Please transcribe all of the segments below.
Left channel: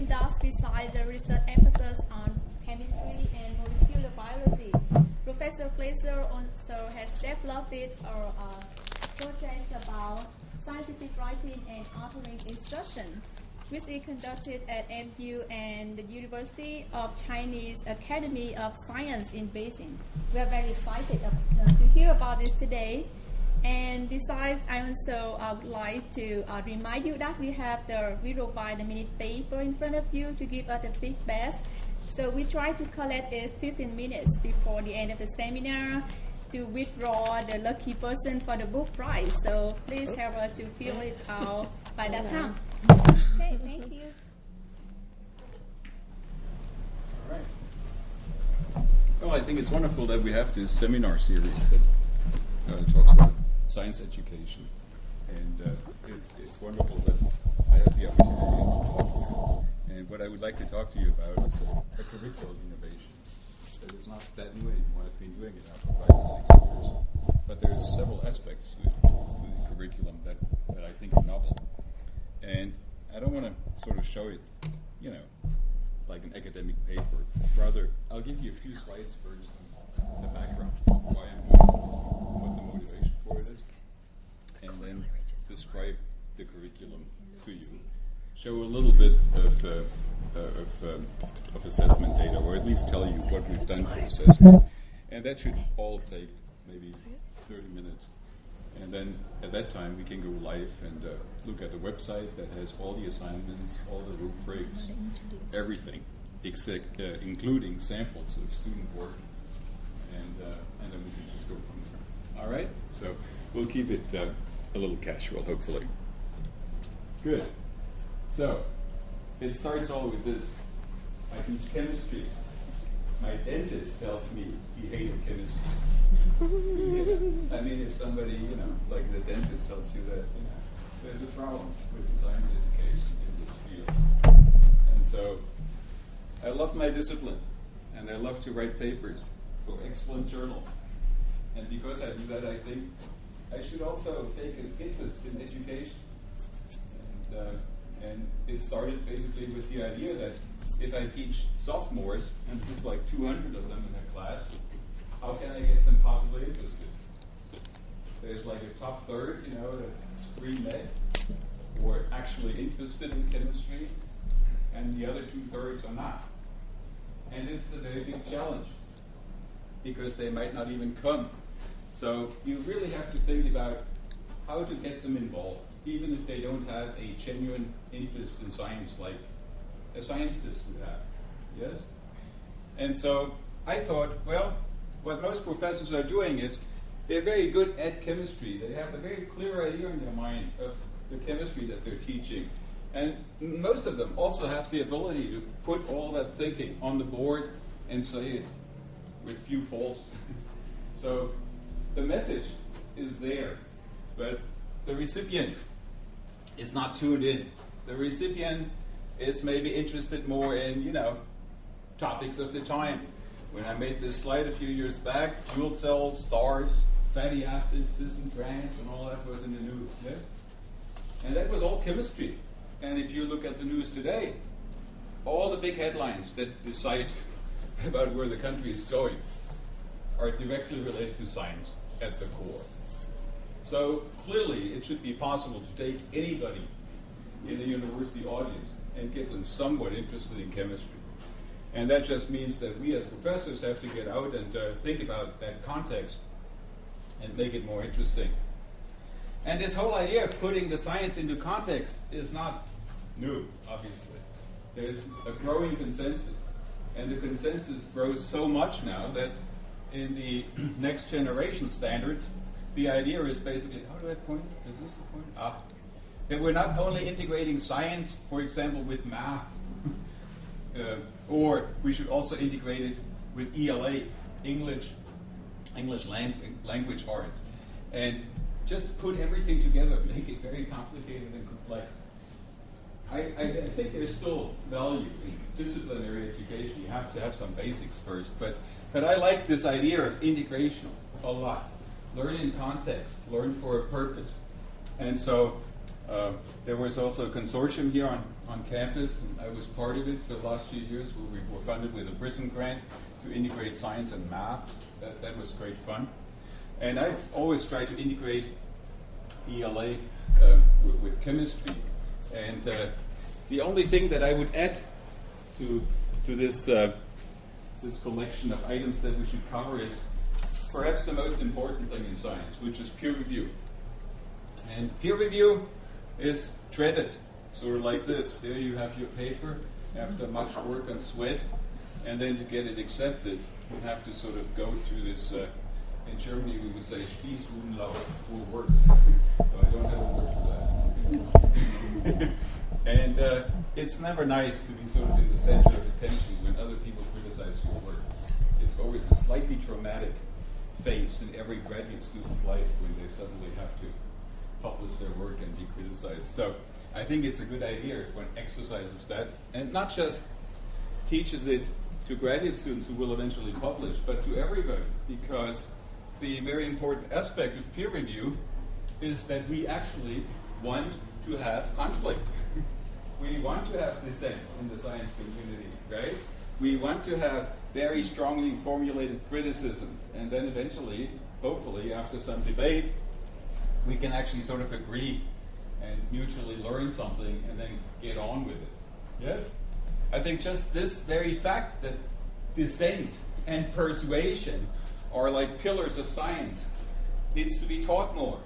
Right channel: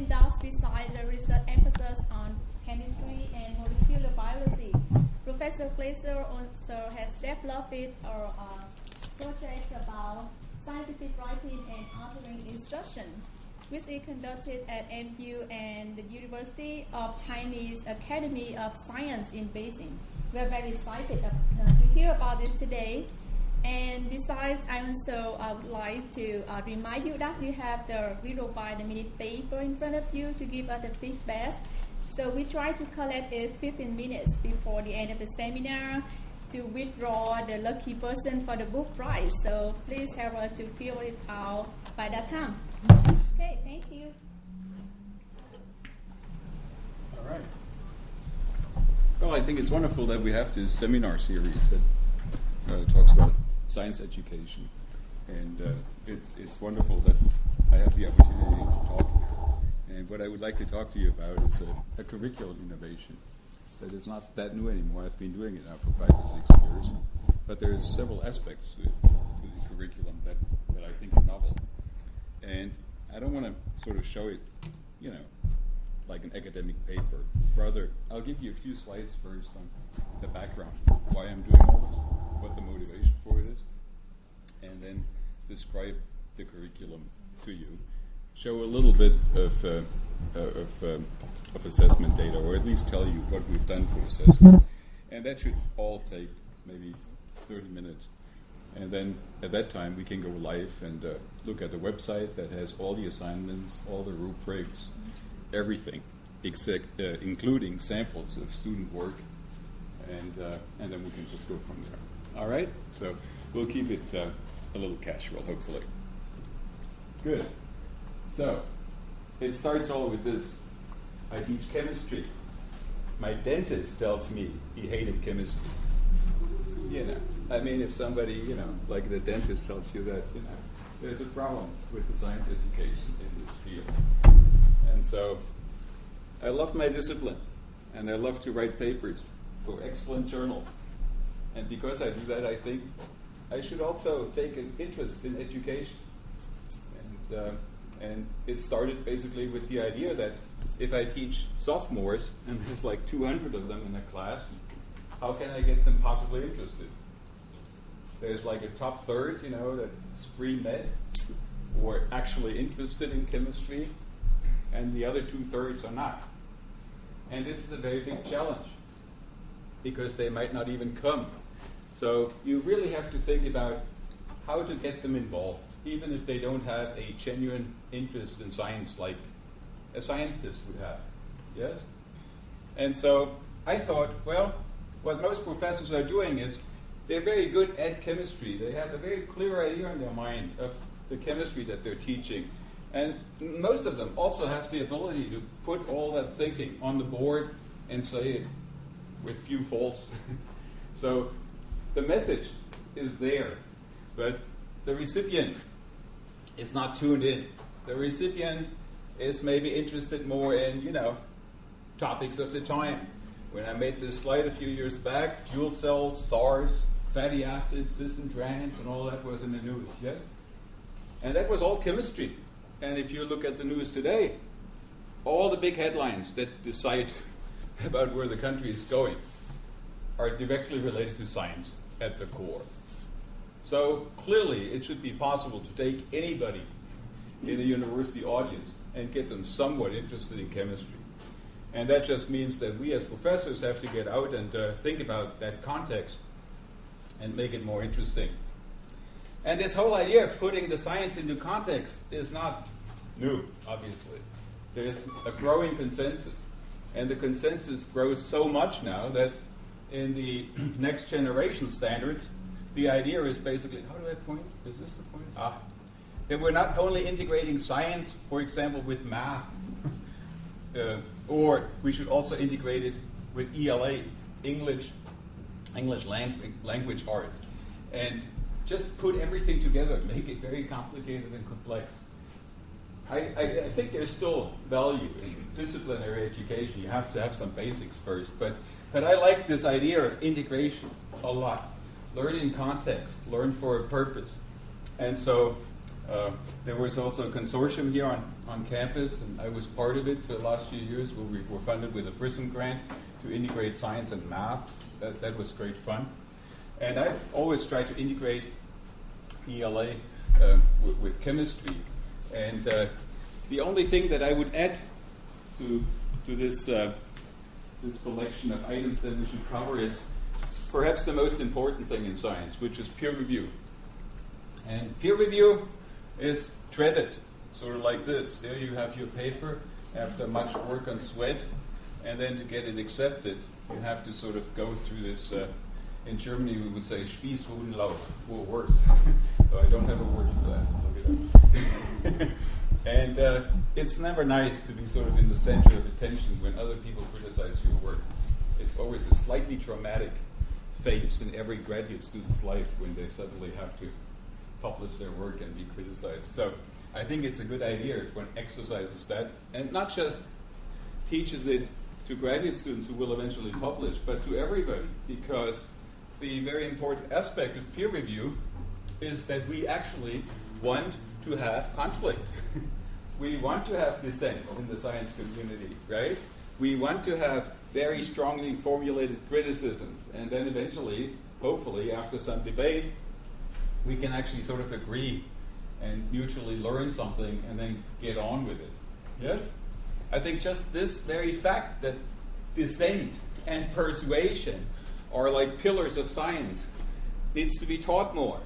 Thus, besides the research emphasis on chemistry and molecular biology, Professor Glaser also has developed a project about scientific writing and authoring instruction, which is conducted at MU and the University of Chinese Academy of Science in Beijing. We are very excited to hear about this today. And besides, I also would like to remind you that we provide a minute paper in front of you to give us the feedback. So we try to collect it 15 minutes before the end of the seminar to withdraw the lucky person for the book prize. So please help us to fill it out by that time. Okay, thank you. All right. Well, I think it's wonderful that we have this seminar series that talks about science education, and it's wonderful that I have the opportunity to talk here. And what I would like to talk to you about is a curricular innovation that is not that new anymore. I've been doing it now for 5 or 6 years, but there's several aspects to the curriculum that I think are novel. And I don't want to sort of show it, like an academic paper. Rather, I'll give you a few slides first on the background, why I'm doing all this, what the motivation for it is, and then describe the curriculum to you. Show a little bit of assessment data, or at least tell you what we've done for assessment. And that should all take maybe 30 minutes. And then at that time, we can go live and look at the website that has all the assignments, all the rubrics, everything, including samples of student work. And then we can just go from there. All right? So we'll keep it a little casual, hopefully. Good. So it starts all with this. I teach chemistry. My dentist tells me he hated chemistry. I mean, if somebody, like the dentist tells you that, there's a problem with the science education in this field. And so I love my discipline, and I love to write papers for excellent journals. And because I do that, I think I should also take an interest in education. And it started basically with the idea that if I teach sophomores, and there's like 200 of them in a class, how can I get them possibly interested? There's like a top third, that's pre-med, who are actually interested in chemistry, and the other 2/3 are not. And this is a very big challenge, because they might not even come. So you really have to think about how to get them involved, even if they don't have a genuine interest in science like a scientist would have. Yes? And so I thought, well, what most professors are doing is they're very good at chemistry. They have a very clear idea in their mind of the chemistry that they're teaching. And most of them also have the ability to put all that thinking on the board and say it with few faults. So the message is there, but the recipient is not tuned in. The recipient is maybe interested more in, topics of the time. When I made this slide a few years back, fuel cells, SARS, fatty acids, cis and trans, and all that was in the news, yes? And that was all chemistry. And if you look at the news today, all the big headlines that decide about where the country is going are directly related to science at the core. So clearly it should be possible to take anybody in a university audience and get them somewhat interested in chemistry. And that just means that we as professors have to get out and think about that context and make it more interesting. And this whole idea of putting the science into context is not new, obviously. There's a growing consensus. And the consensus grows so much now that in the next generation standards, the idea is basically, how do I point? Is this the point? That we're not only integrating science, for example, with math, or we should also integrate it with ELA, English language arts, and just put everything together, make it very complicated and complex. I think there's still value in disciplinary education. You have to have some basics first, but I like this idea of integration a lot. Learn in context, learn for a purpose. And so there was also a consortium here on on campus, and I was part of it for the last few years, where we were funded with a PRISM grant to integrate science and math. That was great fun. And I've always tried to integrate ELA with chemistry. And the only thing that I would add to this this collection of items that we should cover is perhaps the most important thing in science, which is peer review. And peer review is dreaded, sort of like this. There you have your paper after much work and sweat, and then to get it accepted, you have to sort of go through this, in Germany we would say Spießrutenlauf, or worse. So I don't have a word for that. Look it up. And it's never nice to be sort of in the center of attention when other people criticize your work. It's always a slightly traumatic phase in every graduate student's life when they suddenly have to publish their work and be criticized. So I think it's a good idea if one exercises that, and not just teaches it to graduate students who will eventually publish, but to everybody, because the very important aspect of peer review is that we actually want to have conflict. We want to have dissent in the science community, right? We want to have very strongly formulated criticisms, and then eventually, hopefully, after some debate, we can actually sort of agree and mutually learn something and then get on with it. Yes? I think just this very fact that dissent and persuasion are like pillars of science needs to be taught more.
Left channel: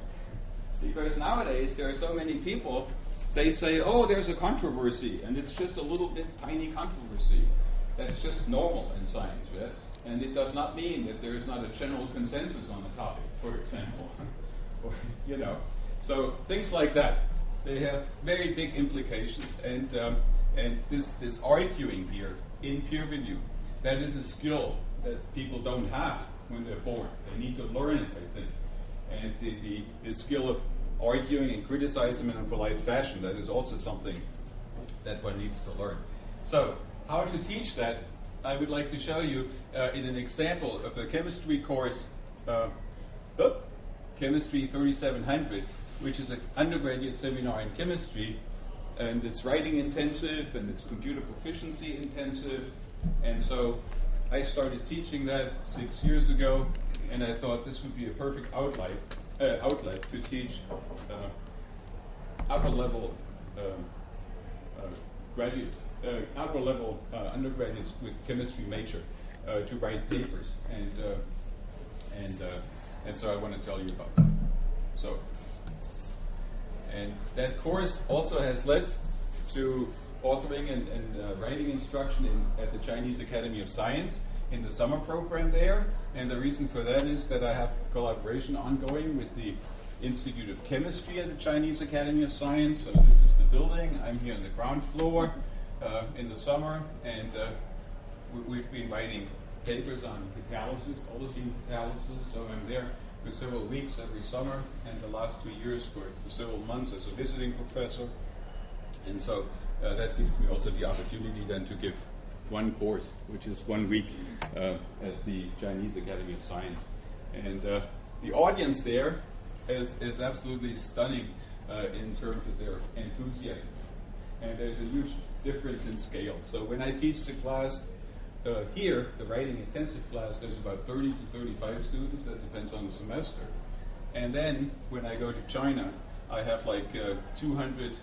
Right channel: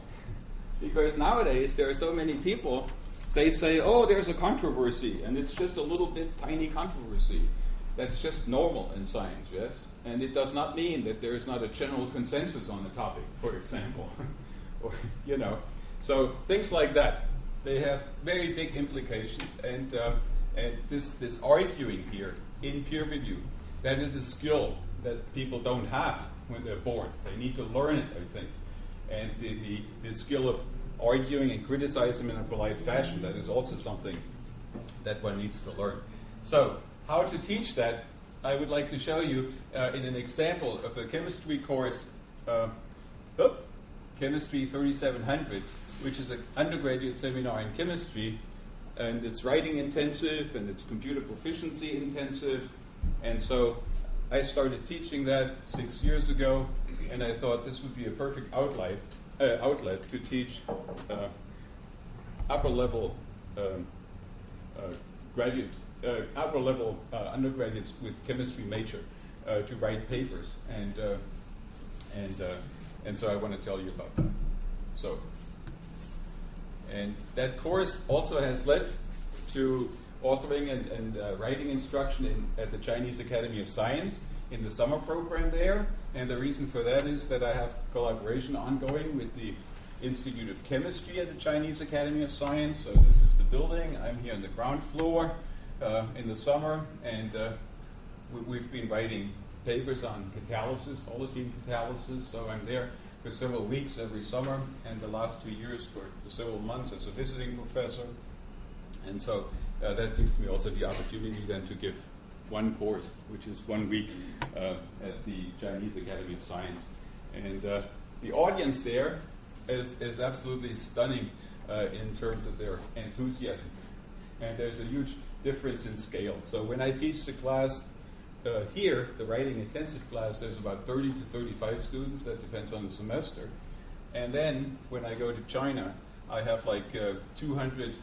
Because nowadays there are so many people, they say, oh, there's a controversy, and it's just a little bit tiny controversy. That's just normal in science, yes? And it does not mean that there is not a general consensus on the topic, for example. Or, you know, so things like that, they have very big implications. And this arguing here in peer review, that is a skill that people don't have when they're born. They need to learn it, I think. And the skill of arguing and criticizing in a polite fashion, that is also something that one needs to learn. So, how to teach that, I would like to show you in an example of a chemistry course, Chemistry 3700, which is an undergraduate seminar in chemistry, and it's writing intensive and it's computer proficiency intensive. And so I started teaching that 6 years ago, and I thought this would be a perfect outlet to teach upper level undergraduates with chemistry major to write papers, and so I want to tell you about that. So, and that course also has led to authoring and writing instruction at the Chinese Academy of Science in the summer program there. And the reason for that is that I have collaboration ongoing with the Institute of Chemistry at the Chinese Academy of Science. So this is the building. I'm here on the ground floor in the summer, and we've been writing papers on catalysis, olefin catalysis. So I'm there for several weeks every summer, and the last 2 years for several months as a visiting professor. And so that gives me also the opportunity then to give one course, which is 1 week at the Chinese Academy of Science. And the audience there is absolutely stunning in terms of their enthusiasm. And there's a huge difference in scale. So when I teach the class here, the writing intensive class, there's about 30 to 35 students. That depends on the semester. And then when I go to China, I have like 200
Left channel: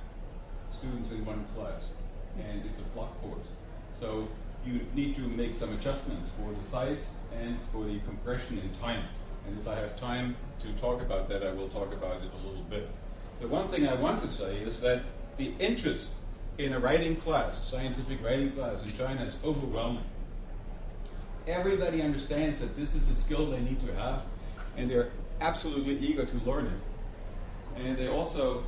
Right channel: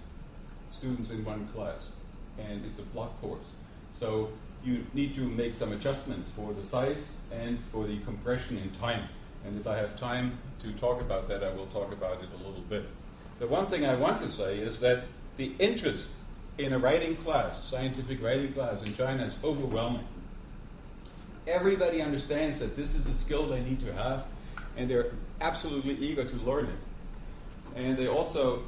students in one class. And it's a block course. So you need to make some adjustments for the size and for the compression in time. And if I have time to talk about that, I will talk about it a little bit. The one thing I want to say is that the interest in a writing class, scientific writing class in China, is overwhelming. Everybody understands that this is a skill they need to have, and they're absolutely eager to learn it. And they also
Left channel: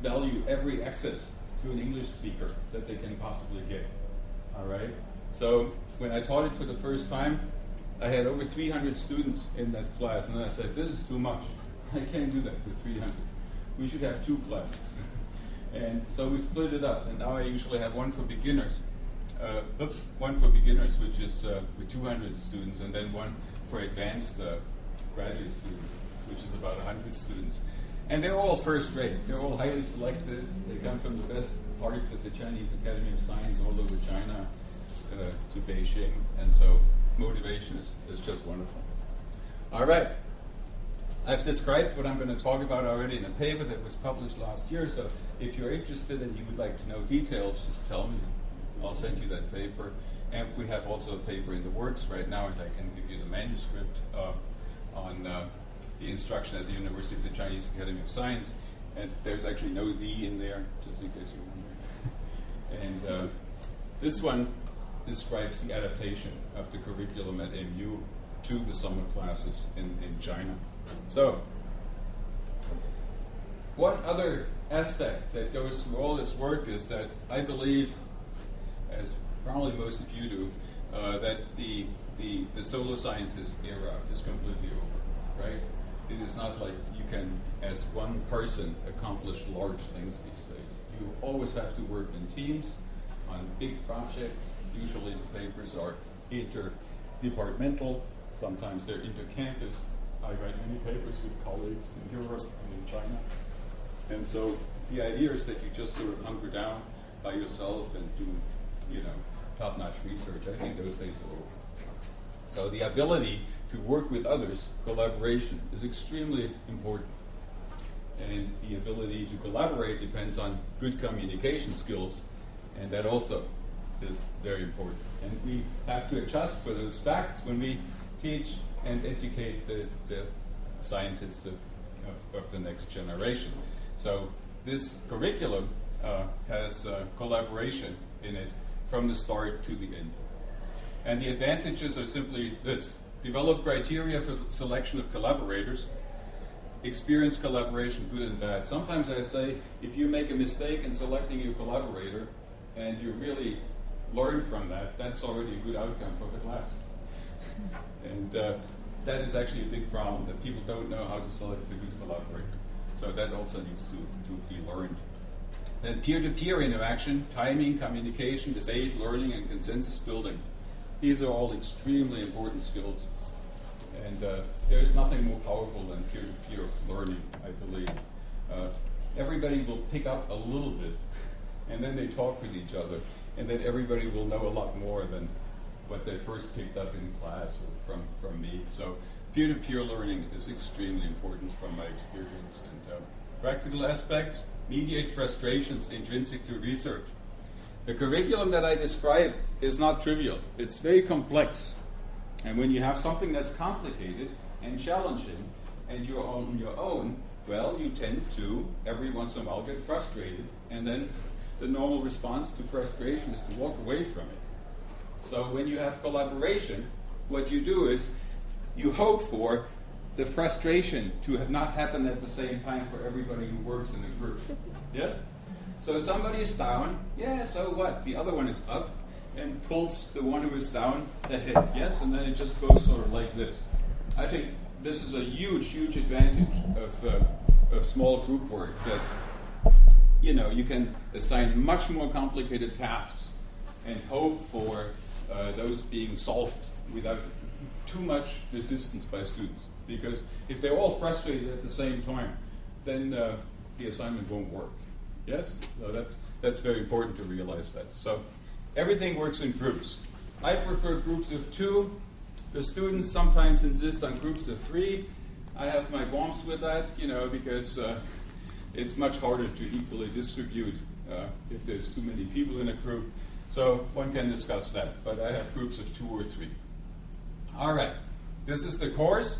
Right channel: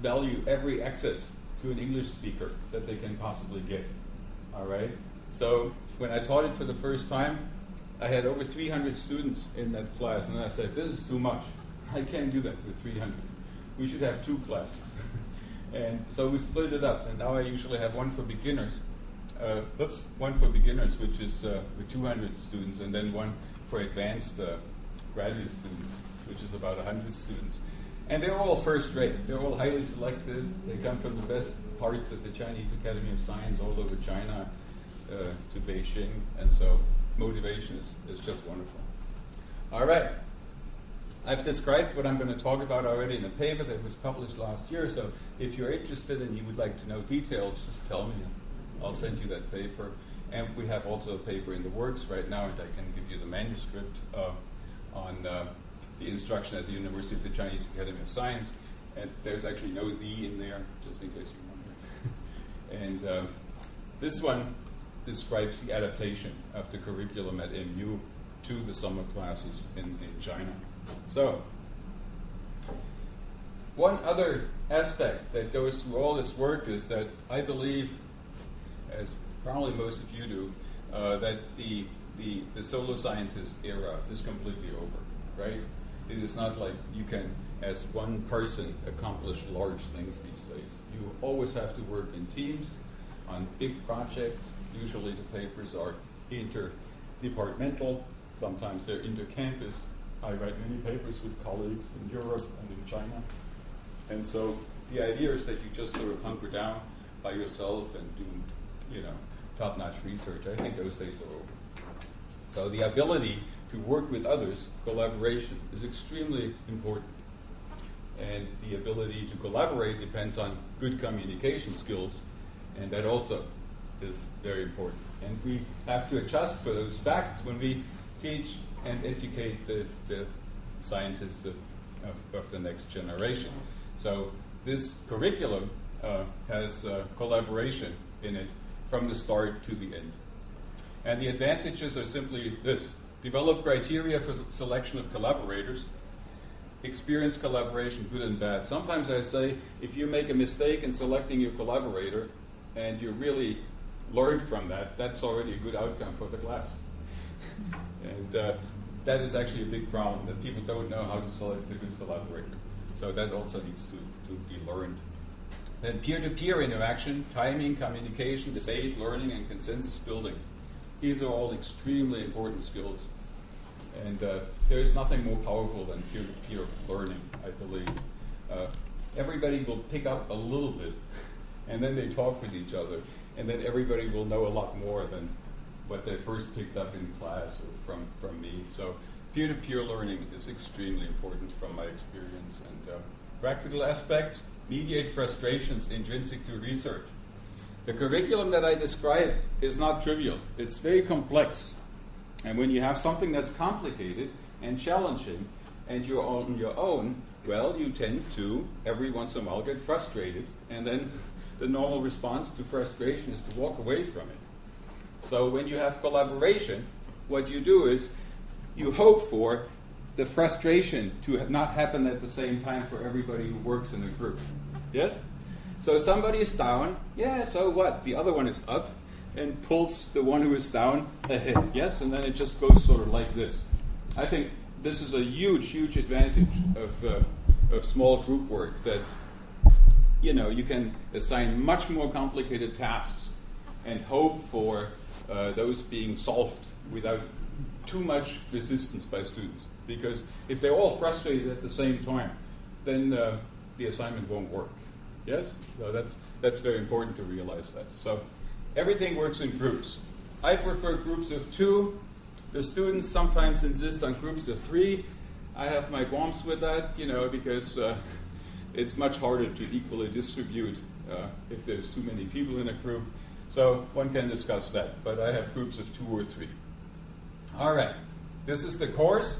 value every access to an English speaker that they can possibly get. All right? So when I taught it for the first time, I had over 300 students in that class, and I said, this is too much. I can't do that with 300. We should have 2 classes. And so we split it up, and now I usually have one for beginners. Which is with 200 students, and then one for advanced graduate students, which is about 100 students. And they're all first rate. They're all highly selected. They come from the best parts of the Chinese Academy of Science all over China to Beijing, and so motivation is just wonderful. All right. I've described what I'm going to talk about already in a paper that was published last year, so if you're interested and you would like to know details, just tell me. I'll send you that paper. And we have also a paper in the works right now, and I can give you the manuscript on the instruction at the University of the Chinese Academy of Science. And there's actually no "the" in there, just in case you wonder. And this one describes the adaptation of the curriculum at MU to the summer classes in China. So, one other aspect that goes through all this work is that I believe, as probably most of you do, that the solo scientist era is completely over, right? It is not like you can, as one person, accomplish large things these days. You always have to work in teams on big projects. Usually the papers are interdepartmental. Sometimes they're intercampus. I write many papers with colleagues in Europe and in China. And so the idea is that you just sort of hunker down by yourself and do, top-notch research. I think those days are over. So the ability to work with others, collaboration, is extremely important. And the ability to collaborate depends on good communication skills, and that also is very important. And we have to adjust for those facts when we teach and educate the scientists of the next generation. So this curriculum has collaboration in it from the start to the end. And the advantages are simply this: develop criteria for selection of collaborators, experience collaboration, good and bad. Sometimes I say, if you make a mistake in selecting your collaborator and you really learn from that, that's already a good outcome for the class. And that is actually a big problem, that people don't know how to select a good collaborator. So that also needs to be learned. Then peer-to-peer interaction, timing, communication, debate, learning, and consensus building. These are all extremely important skills. And there is nothing more powerful than peer-to-peer learning, I believe. Everybody will pick up a little bit, and then they talk with each other, and then everybody will know a lot more than what they first picked up in class or from me. So peer-to-peer learning is extremely important from my experience. And practical aspects, mediate frustrations intrinsic to research. The curriculum that I describe is not trivial. It's very complex. And when you have something that's complicated and challenging and you're on your own, well, you tend to, every once in a while, get frustrated. And then the normal response to frustration is to walk away from it. So when you have collaboration, what you do is you hope for the frustration to not happen at the same time for everybody who works in a group. Yes? So somebody is down, yeah, so what? The other one is up and pulls the one who is down ahead. Yes? And then it just goes sort of like this. I think this is a huge, huge advantage of small group work, that you can assign much more complicated tasks and hope for those being solved without too much resistance by students. Because if they're all frustrated at the same time, then the assignment won't work. Yes? So that's very important to realize that. So everything works in groups. I prefer groups of 2. The students sometimes insist on groups of 3. I have my qualms with that, because it's much harder to equally distribute if there's too many people in a group. So one can discuss that, but I have groups of 2 or 3. All right, this is the course.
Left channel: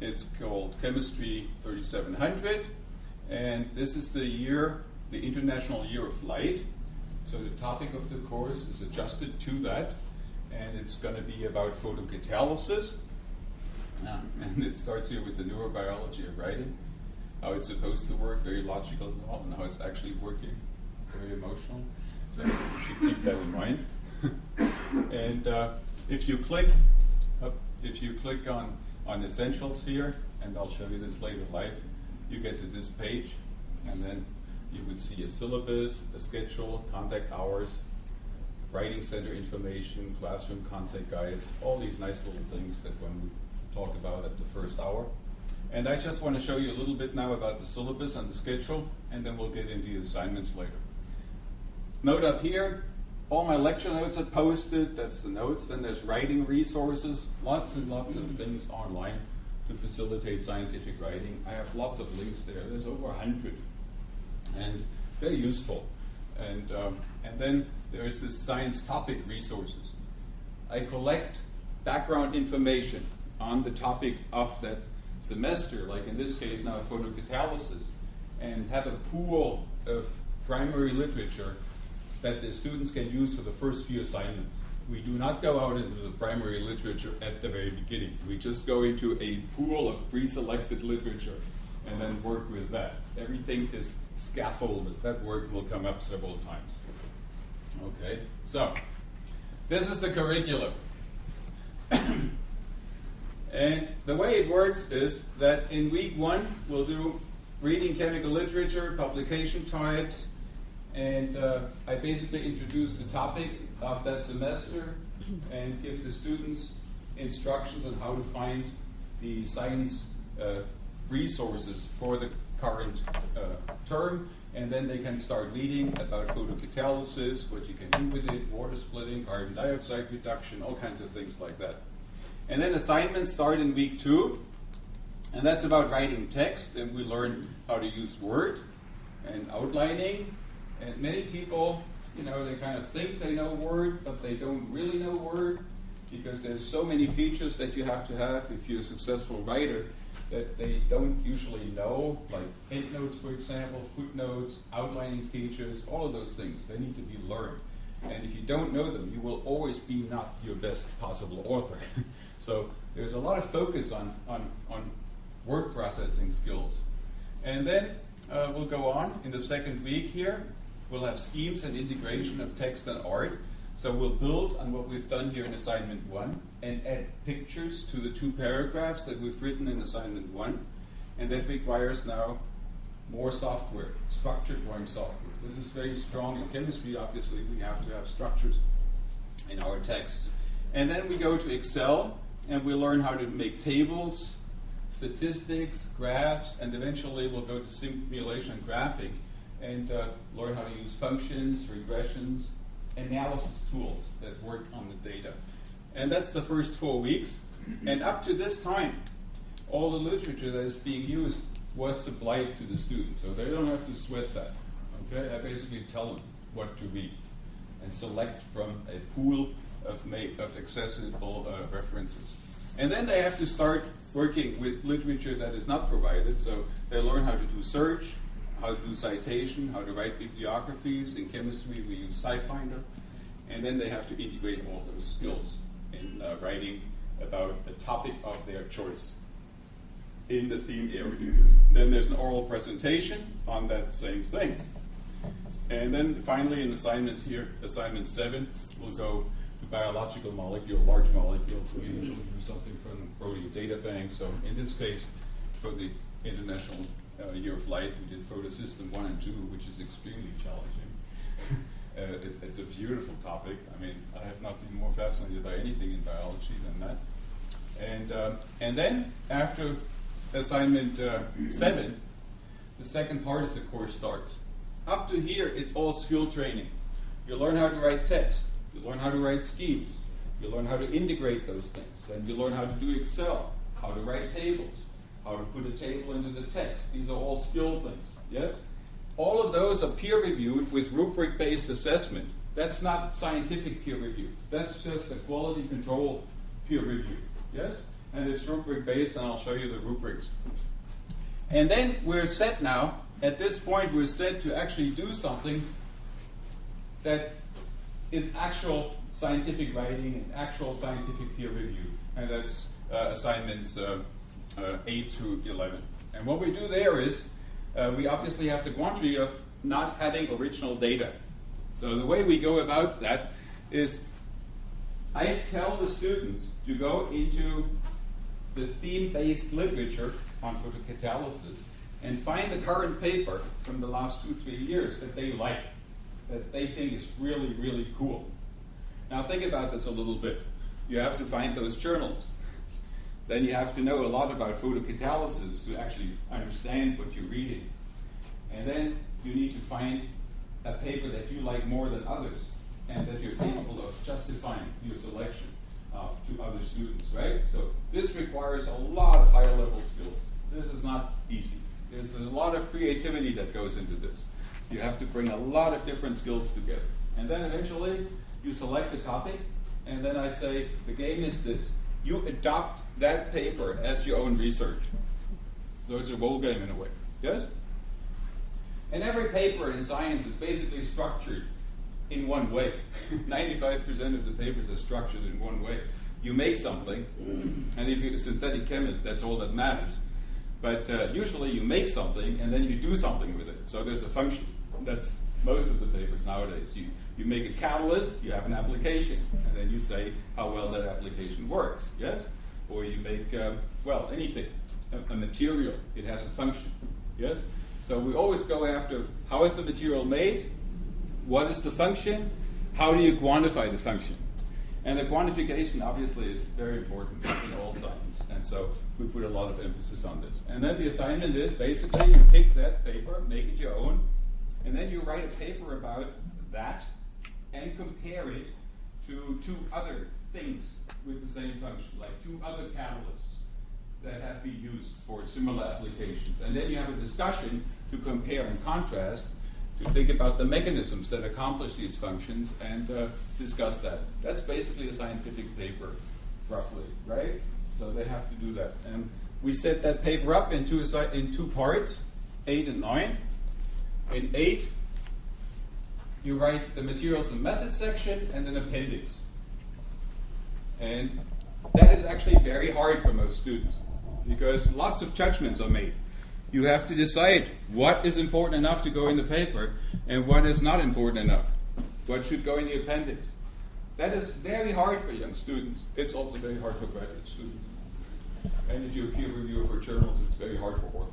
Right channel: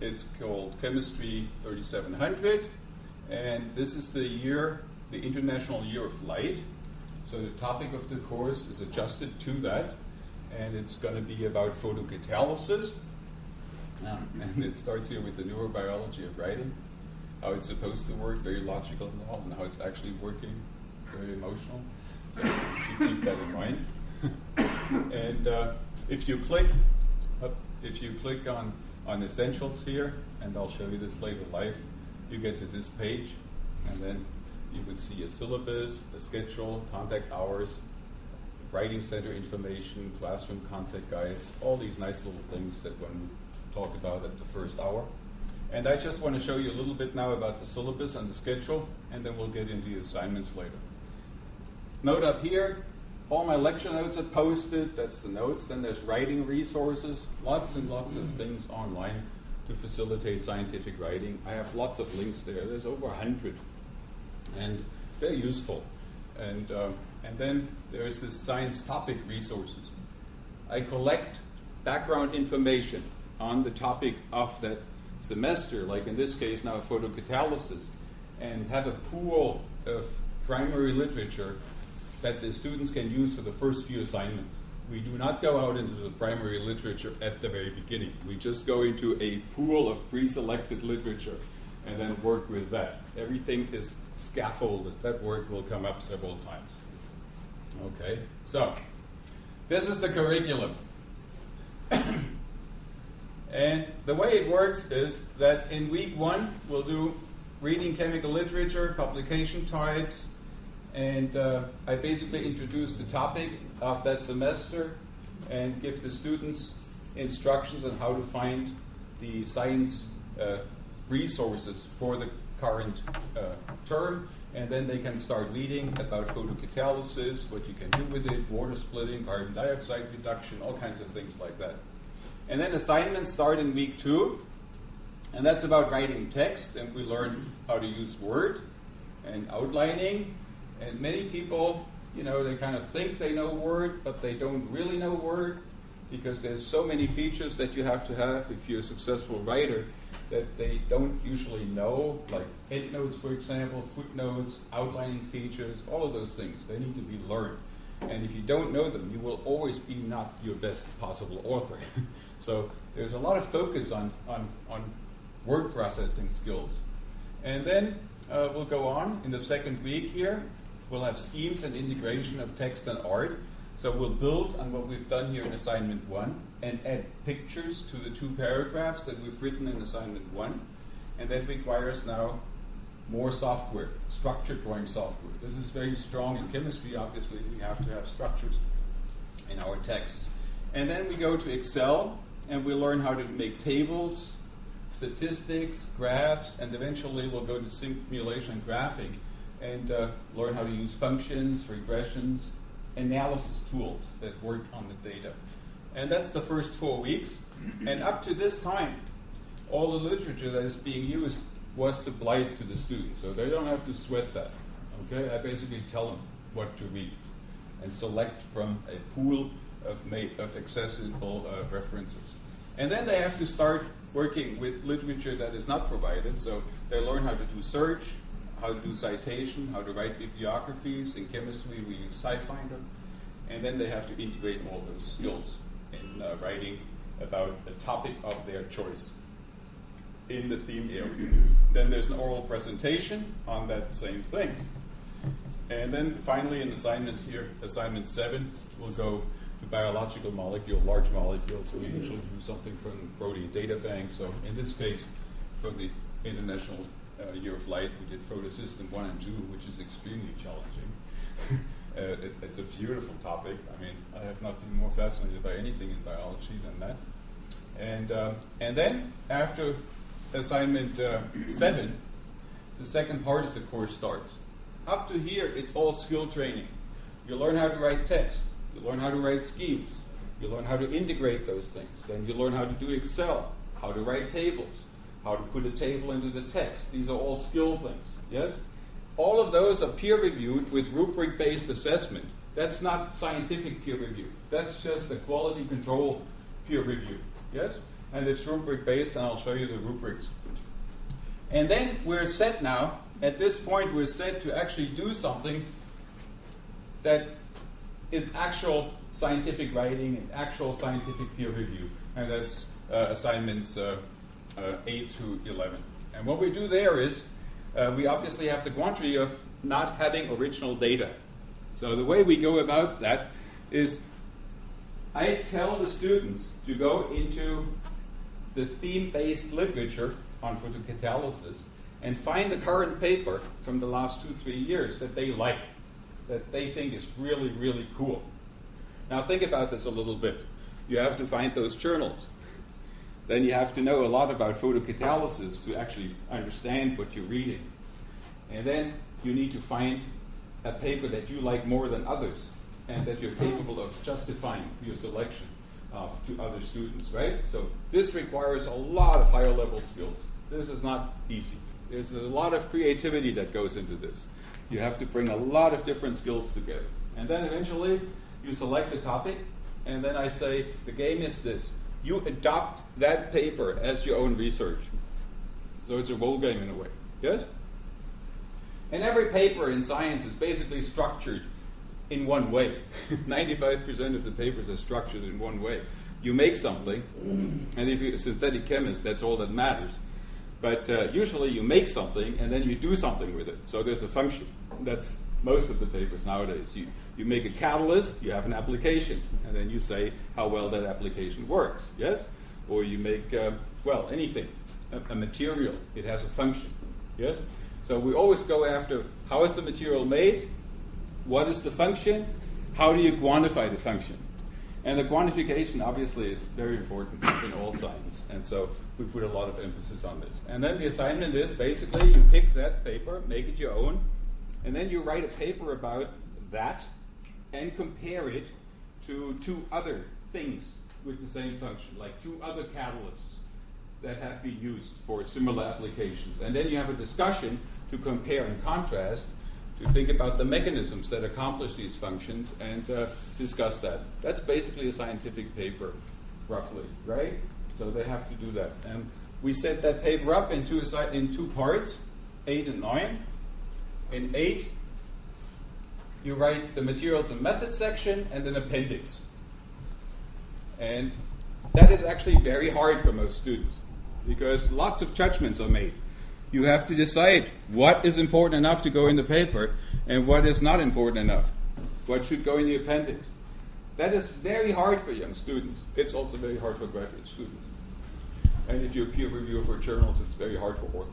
It's called Chemistry 3700, and this is the year, the International Year of Light. So the topic of the course is adjusted to that, and it's going to be about photocatalysis. And it starts here with the neurobiology of writing, how it's supposed to work, very logical and all, and how it's actually working, very emotional. So you should keep that in mind. And if you click on essentials here, and I'll show you this later live, you get to this page, and then you would see a syllabus, a schedule, contact hours, writing center information, classroom contact guides, all these nice little things that one would talk about at the first hour. And I just want to show you a little bit now about the syllabus and the schedule, and then we'll get into the assignments later. note up here, all my lecture notes are posted. That's the notes. Then there's writing resources, lots and lots of things online to facilitate scientific writing. I have lots of links there. There's over 100, and very useful. And then there's this science topic resources. I collect background information on the topic of that semester, like in this case now photocatalysis, and have a pool of primary literature that the students can use for the first few assignments. We do not go out into the primary literature at the very beginning. We just go into a pool of pre-selected literature and then work with that. Everything is scaffolded. That word will come up several times. Okay, so this is the curriculum. And the way it works is that in week 1, we'll do reading chemical literature, publication types, and I basically introduce the topic of that semester and give the students instructions on how to find the science resources for the current term, and then they can start reading about photocatalysis, what you can do with it, water splitting, carbon dioxide reduction, all kinds of things like that. And then assignments start in week 2, and that's about writing text, and we learn how to use Word and outlining. And many people, you know, they kind of think they know Word, but they don't really know Word, because there's so many features that you have to have if you're a successful writer that they don't usually know, like endnotes, for example, footnotes, outlining features, all of those things. They need to be learned. And if you don't know them, you will always be not your best possible author. So there's a lot of focus on word processing skills. And then we'll go on in the second week here. We'll have schemes and integration of text and art. So we'll build on what we've done here in assignment 1 and add pictures to the 2 paragraphs that we've written in assignment 1. And that requires now more software, structured drawing software. This is very strong in chemistry, obviously. We have to have structures in our texts. And then we go to Excel, and we learn how to make tables, statistics, graphs, and eventually we'll go to simulation and graphing and learn how to use functions, regressions, analysis tools that work on the data. And that's the first 4 weeks. And up to this time, all the literature that is being used was supplied to the students, so they don't have to sweat that. Okay, I basically tell them what to read and select from a pool of accessible references. And then they have to start working with literature that is not provided, so they learn how to do search, how to do citation, how to write bibliographies. In chemistry, we use SciFinder. And then they have to integrate all those skills in writing about a topic of their choice in the theme area. Then there's an oral presentation on that same thing. And then finally in assignment here, assignment 7, we'll go to biological molecule, large molecules. We usually use something from the protein data bank. So in this case, for the International Year of Light, we did photosystem 1 and 2, which is extremely challenging. It's a beautiful topic. I mean, I have not been more fascinated by anything in biology than that. And then after assignment 7, the second part of the course starts. Up to here, it's all skill training. You learn how to write text. You learn how to write schemes. You learn how to integrate those things. Then you learn how to do Excel, how to write tables, how to put a table into the text. These are all skill things, yes? All of those are peer-reviewed with rubric-based assessment. That's not scientific peer review. That's just a quality control peer review, yes? And it's rubric-based, and I'll show you the rubrics. And then we're set now. At this point, we're set to actually do something that is actual scientific writing and actual scientific peer review. And that's assignments 8 through 11. And what we do there is, we obviously have the quandary of not having original data. So the way we go about that is I tell the students to go into the theme-based literature on photocatalysis and find the current paper from the last 2-3 years that they like, that they think is really, really cool. Now think about this a little bit. You have to find those journals. Then you have to know a lot about photocatalysis to actually understand what you're reading. And then you need to find a paper that you like more than others, and that you're capable of justifying your selection to other students, right? So this requires a lot of higher level skills. This is not easy. There's a lot of creativity that goes into this. You have to bring a lot of different skills together. And then eventually you select a topic, and then I say, the game is this. You adopt that paper as your own research. So it's a role game in a way, yes? And every paper in science is basically structured in one way. 95% of the papers are structured in one way. You make something, and if you're a synthetic chemist, that's all that matters. But usually you make something, and then you do something with it. So there's a function. That's most of the papers nowadays. You make a catalyst, you have an application, and then you say how well that application works, yes? Or you make, well, anything, a material, it has a function, yes? So we always go after how is the material made, what is the function, how do you quantify the function? And the quantification obviously is very important in all science, and so we put a lot of emphasis on this. And then the assignment is basically you pick that paper, make it your own, and then you write a paper about that and compare it to two other things with the same function, like two other catalysts that have been used for similar applications. And then you have a discussion to compare and contrast, to think about the mechanisms that accomplish these functions and discuss that. That's basically a scientific paper, roughly, right? So they have to do that. And we set that paper up in two parts, 8 and 9. In 8, you write the materials and methods section and an appendix. And that is actually very hard for most students because lots of judgments are made. You have to decide what is important enough to go in the paper and what is not important enough. What should go in the appendix. That is very hard for young students. It's also very hard for graduate students. And if you're a peer reviewer for journals, it's very hard for authors.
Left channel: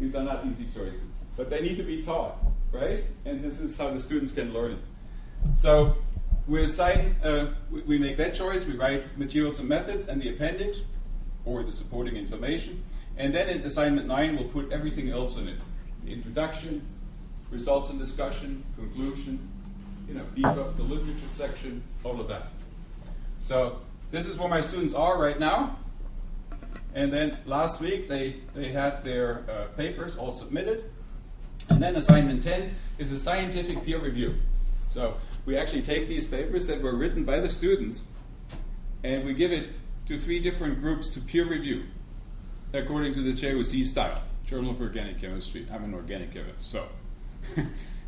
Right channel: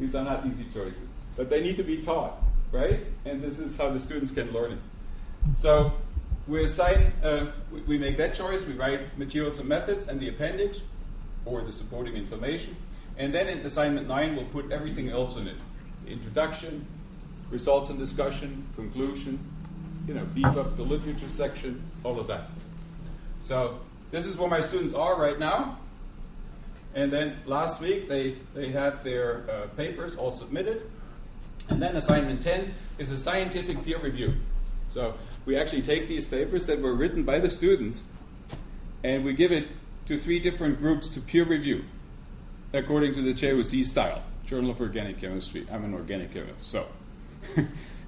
These are not easy choices, but they need to be taught, right? And this is how the students can learn it. So we make that choice. We write materials and methods and the appendix, or the supporting information. And then in assignment 9, we'll put everything else in it. The introduction, results and discussion, conclusion, beef up the literature section, all of that. So this is where my students are right now. And then last week, they had their papers all submitted. And then assignment 10 is a scientific peer review. So we actually take these papers that were written by the students, and we give it to 3 different groups to peer review, according to the JOC style, Journal of Organic Chemistry. I'm an organic chemist, so.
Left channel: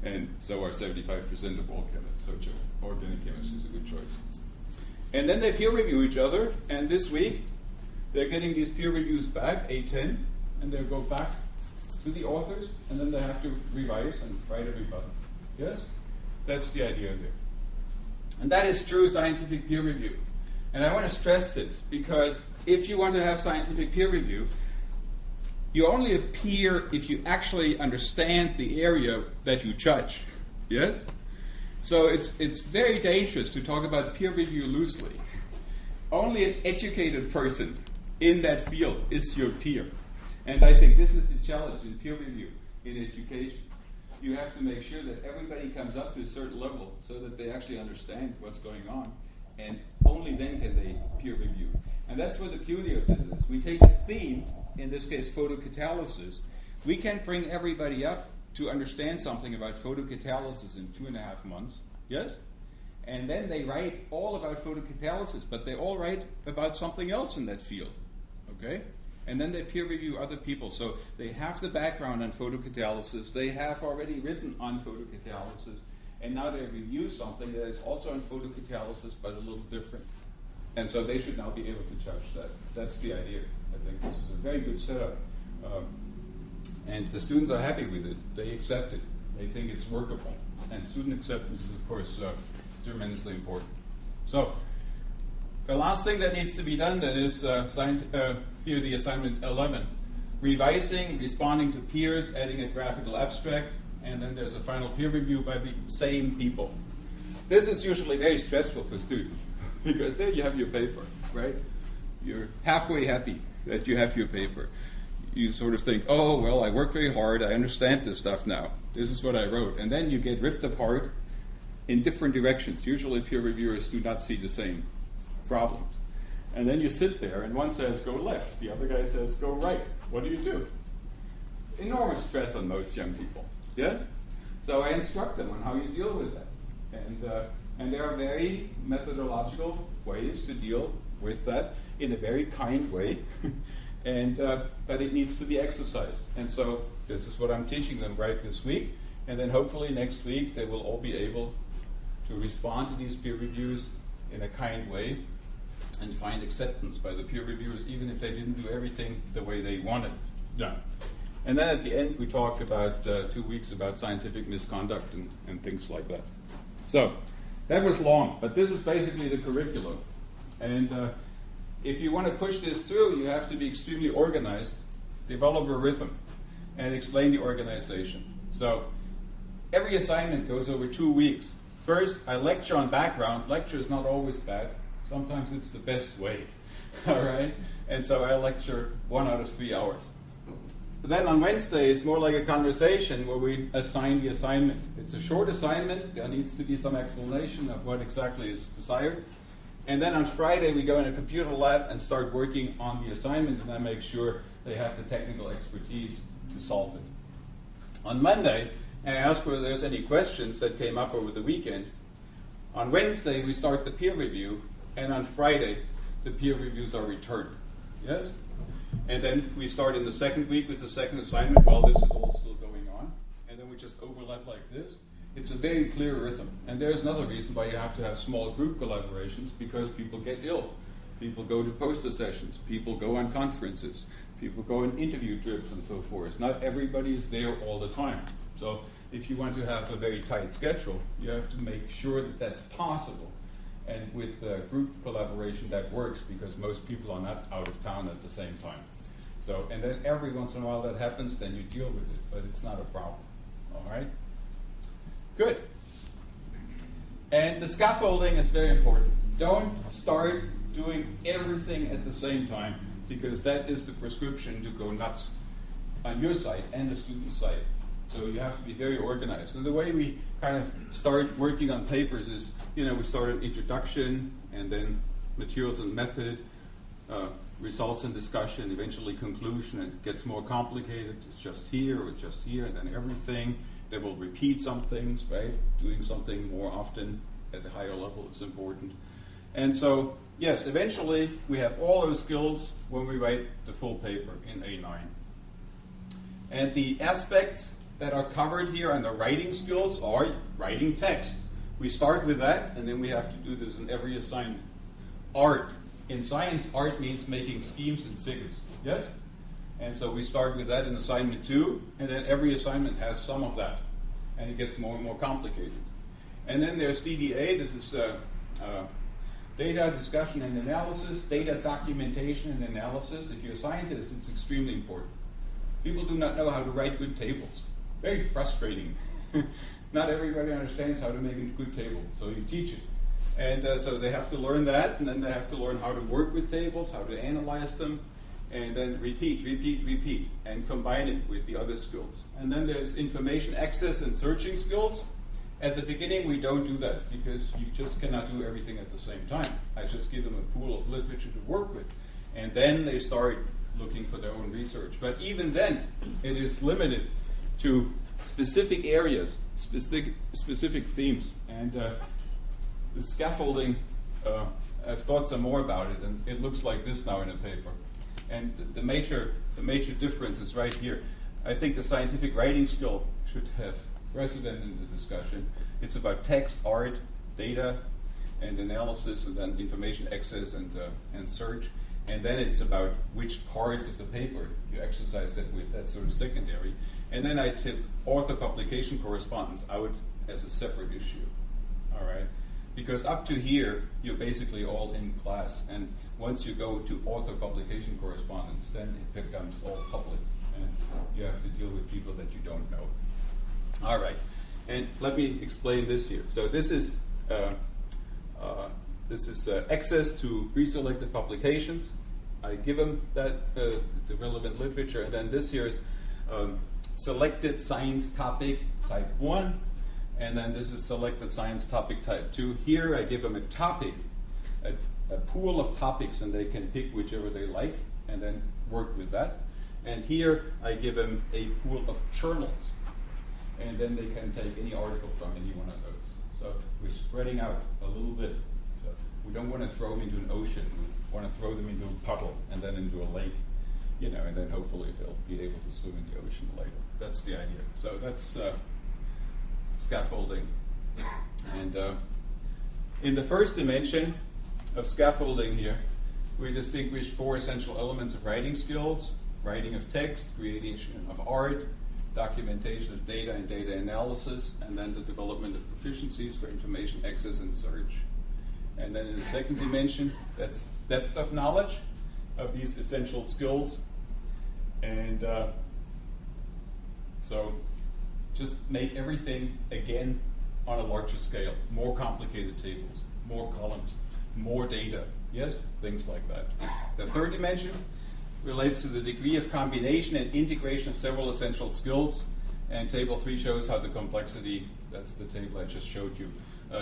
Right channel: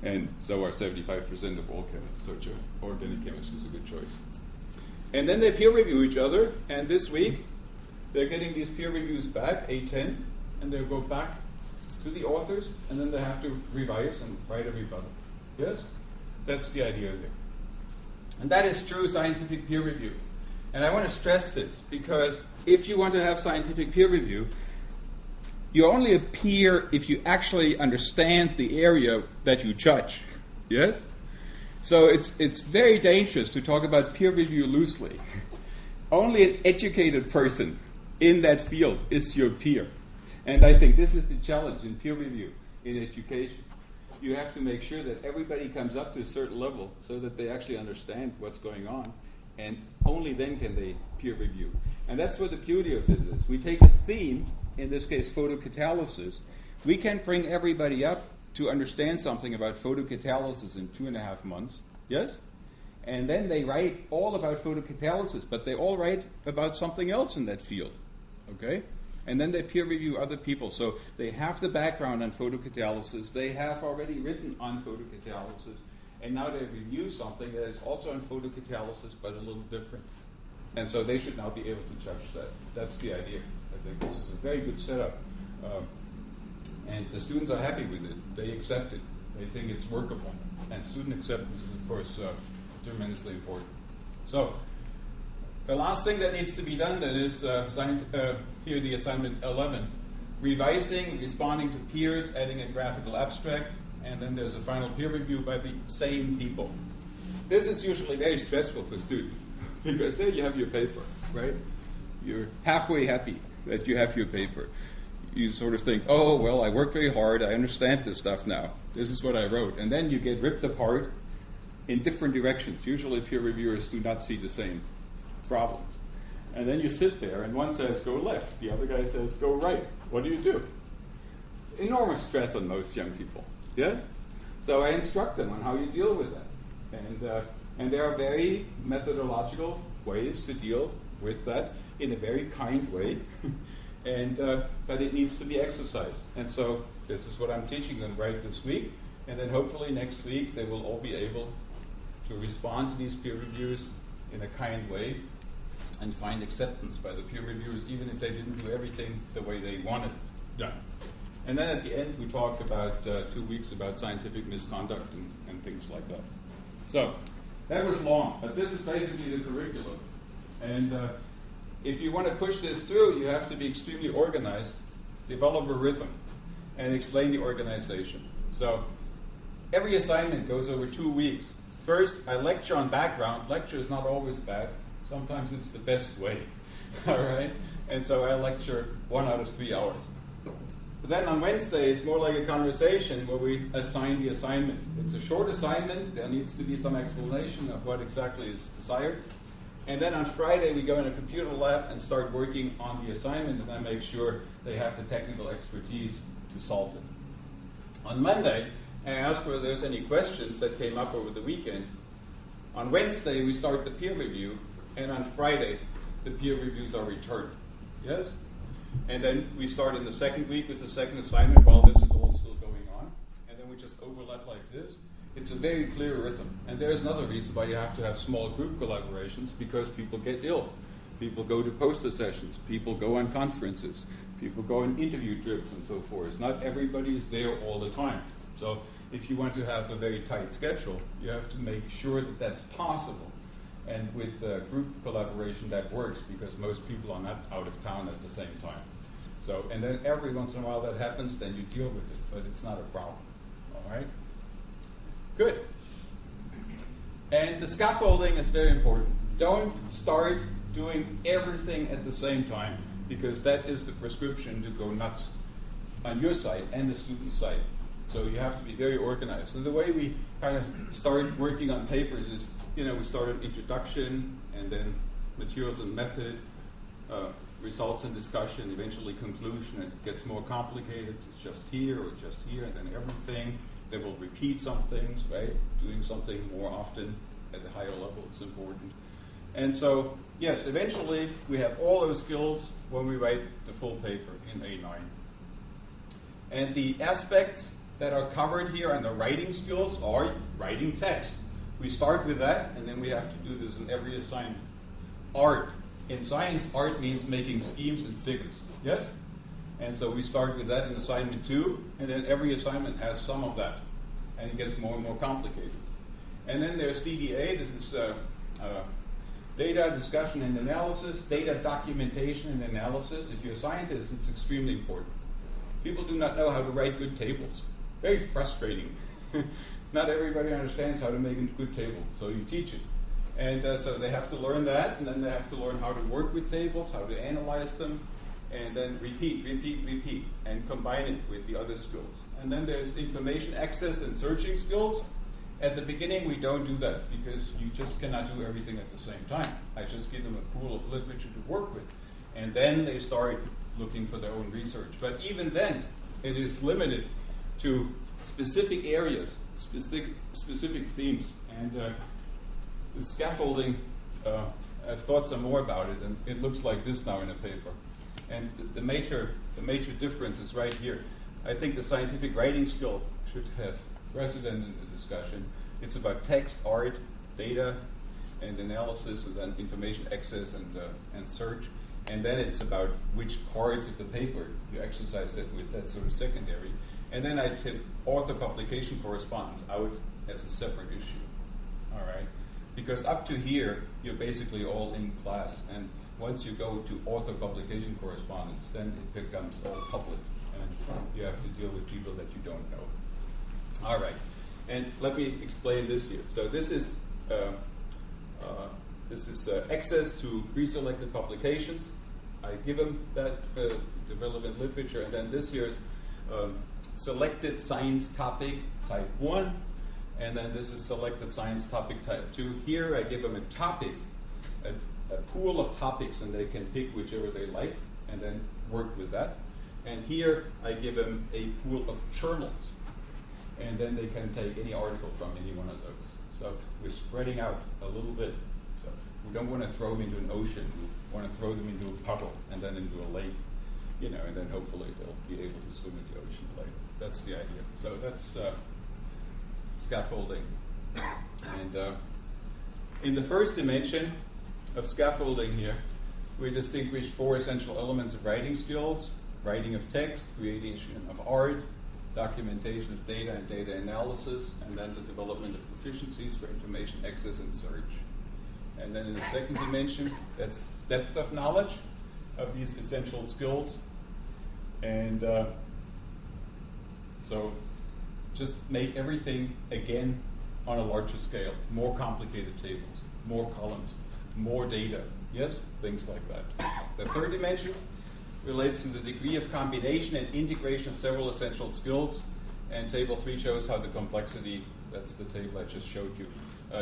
And so are 75% of all chemists, so organic chemistry is a good choice. And then they peer review each other, and this week, they're getting these peer reviews back, 8-10, and they'll go back to the authors, and then they have to revise and write a rebuttal. Yes? That's the idea there. And that is true scientific peer review. And I want to stress this, because if you want to have scientific peer review, you only appear if you actually understand the area that you judge. Yes? So it's very dangerous to talk about peer review loosely. Only an educated person in that field is your peer. And I think this is the challenge in peer review in education. You have to make sure that everybody comes up to a certain level so that they actually understand what's going on. And only then can they peer review. And that's what the beauty of this is. We take a theme, in this case photocatalysis. We can bring everybody up to understand something about photocatalysis in 2.5 months. Yes? And then they write all about photocatalysis, but they all write about something else in that field. Okay? And then they peer review other people. So they have the background on photocatalysis. They have already written on photocatalysis. And now they review something that is also on photocatalysis, but a little different. And so they should now be able to judge that. That's the idea. I think this is a very good setup. And the students are happy with it. They accept it. They think it's workable. And student acceptance is, of course, tremendously important. So the last thing that needs to be done then is here the assignment 11. Revising, responding to peers, adding a graphical abstract, and then there's a final peer review by the same people. This is usually very stressful for students because there you have your paper, right? You're halfway happy that you have your paper. you sort of think, oh, well, I worked very hard, I understand this stuff now. This is what I wrote. And then you get ripped apart in different directions. Usually peer reviewers do not see the same problems. And then you sit there, and one says, go left. The other guy says, go right. What do you do? Enormous stress on most young people. Yes? So I instruct them on how you deal with that. And there are very methodological ways to deal with that in a very kind way. But it needs to be exercised. And so this is what I'm teaching them right this week. And then hopefully next week they will all be able to respond to these peer reviews in a kind way and find acceptance by the peer reviewers, even if they didn't do everything the way they wanted done. And then at the end we talk about 2 weeks about scientific misconduct and things like that. So that was long, but this is basically the curriculum. And if you want to push this through, you have to be extremely organized, develop a rhythm, and explain the organization. So every assignment goes over 2 weeks. First, I lecture on background. Lecture is not always bad. Sometimes it's the best way. All right? And so I lecture 1 out of 3 hours. But then on Wednesday, it's more like a conversation where we assign the assignment. It's a short assignment. There needs to be some explanation of what exactly is desired. And then on Friday, we go in a computer lab and start working on the assignment, and I make sure they have the technical expertise to solve it. On Monday, I ask whether there's any questions that came up over the weekend. On Wednesday, we start the peer review, and on Friday, the peer reviews are returned. Yes? And then we start in the second week with the second assignment while this is all still going on, and then we just overlap like this. It's a very clear rhythm. And there's another reason why you have to have small group collaborations, because people get ill. People go to poster sessions. People go on conferences. People go on interview trips and so forth. Not everybody is there all the time. So if you want to have a very tight schedule, you have to make sure that that's possible. And with group collaboration, that works because most people are not out of town at the same time. So, and then every once in a while that happens, then you deal with it, but it's not a problem. All right? Good. And the scaffolding is very important. Don't start doing everything at the same time, because that is the prescription to go nuts on your side and the student side. So you have to be very organized. And the way we kind of start working on papers is, we start an introduction, and then materials and method, results and discussion, eventually conclusion, and it gets more complicated. It's just here or just here, and then everything. They will repeat some things, right? Doing something more often at a higher level is important. And so, yes, eventually we have all those skills when we write the full paper in A9. And the aspects that are covered here under writing skills are writing text. We start with that, and then we have to do this in every assignment. Art. In science, art means making schemes and figures. Yes? And so we start with that in assignment 2, and then every assignment has some of that. And it gets more and more complicated. And then there's DDA. This is data discussion and analysis, data documentation and analysis. If you're a scientist, it's extremely important. People do not know how to write good tables. Very frustrating. Not everybody understands how to make a good table, so you teach it. And so they have to learn that, and then they have to learn how to work with tables, how to analyze them, and then repeat, and combine it with the other skills. And then there's information access and searching skills. At the beginning, we don't do that, because you just cannot do everything at the same time. I just give them a pool of literature to work with, and then they start looking for their own research. But even then, it is limited to specific areas, specific themes. And the scaffolding, I've thought some more about it, and it looks like this now in a paper. And the major difference is right here. I think the scientific writing skill should have precedent in the discussion. It's about text, art, data, and analysis, and then information access and search. And then it's about which parts of the paper you exercise that with. That's sort of secondary. And then I took author publication correspondence out as a separate issue. All right? Because up to here, you're basically all in class. And once you go to author publication correspondence, then it becomes all public. And you have to deal with people that you don't know. All right. And let me explain this here. So this is access to pre-selected publications. I give them that the relevant literature, and then this here is selected science topic type 1, and then this is selected science topic type 2. Here I give them a topic, a pool of topics, and they can pick whichever they like and then work with that. And here I give them a pool of journals, and then they can take any article from any one of those. So we're spreading out a little bit. So we don't want to throw them into an ocean. We want to throw them into a puddle and then into a lake, you know, and then hopefully they'll be able to swim in the ocean later. That's the idea. So that's scaffolding. And in the first dimension of scaffolding here, we distinguish 4 essential elements of writing skills: writing of text, creation of art, documentation of data and data analysis, and then the development of proficiencies for information access and search. And then in the second dimension, that's depth of knowledge of these essential skills. And so just make everything, again, on a larger scale. More complicated tables, more columns, more data. Yes? Things like that. The third dimension relates to the degree of combination and integration of several essential skills. And table 3 shows how the complexity, that's the table I just showed you,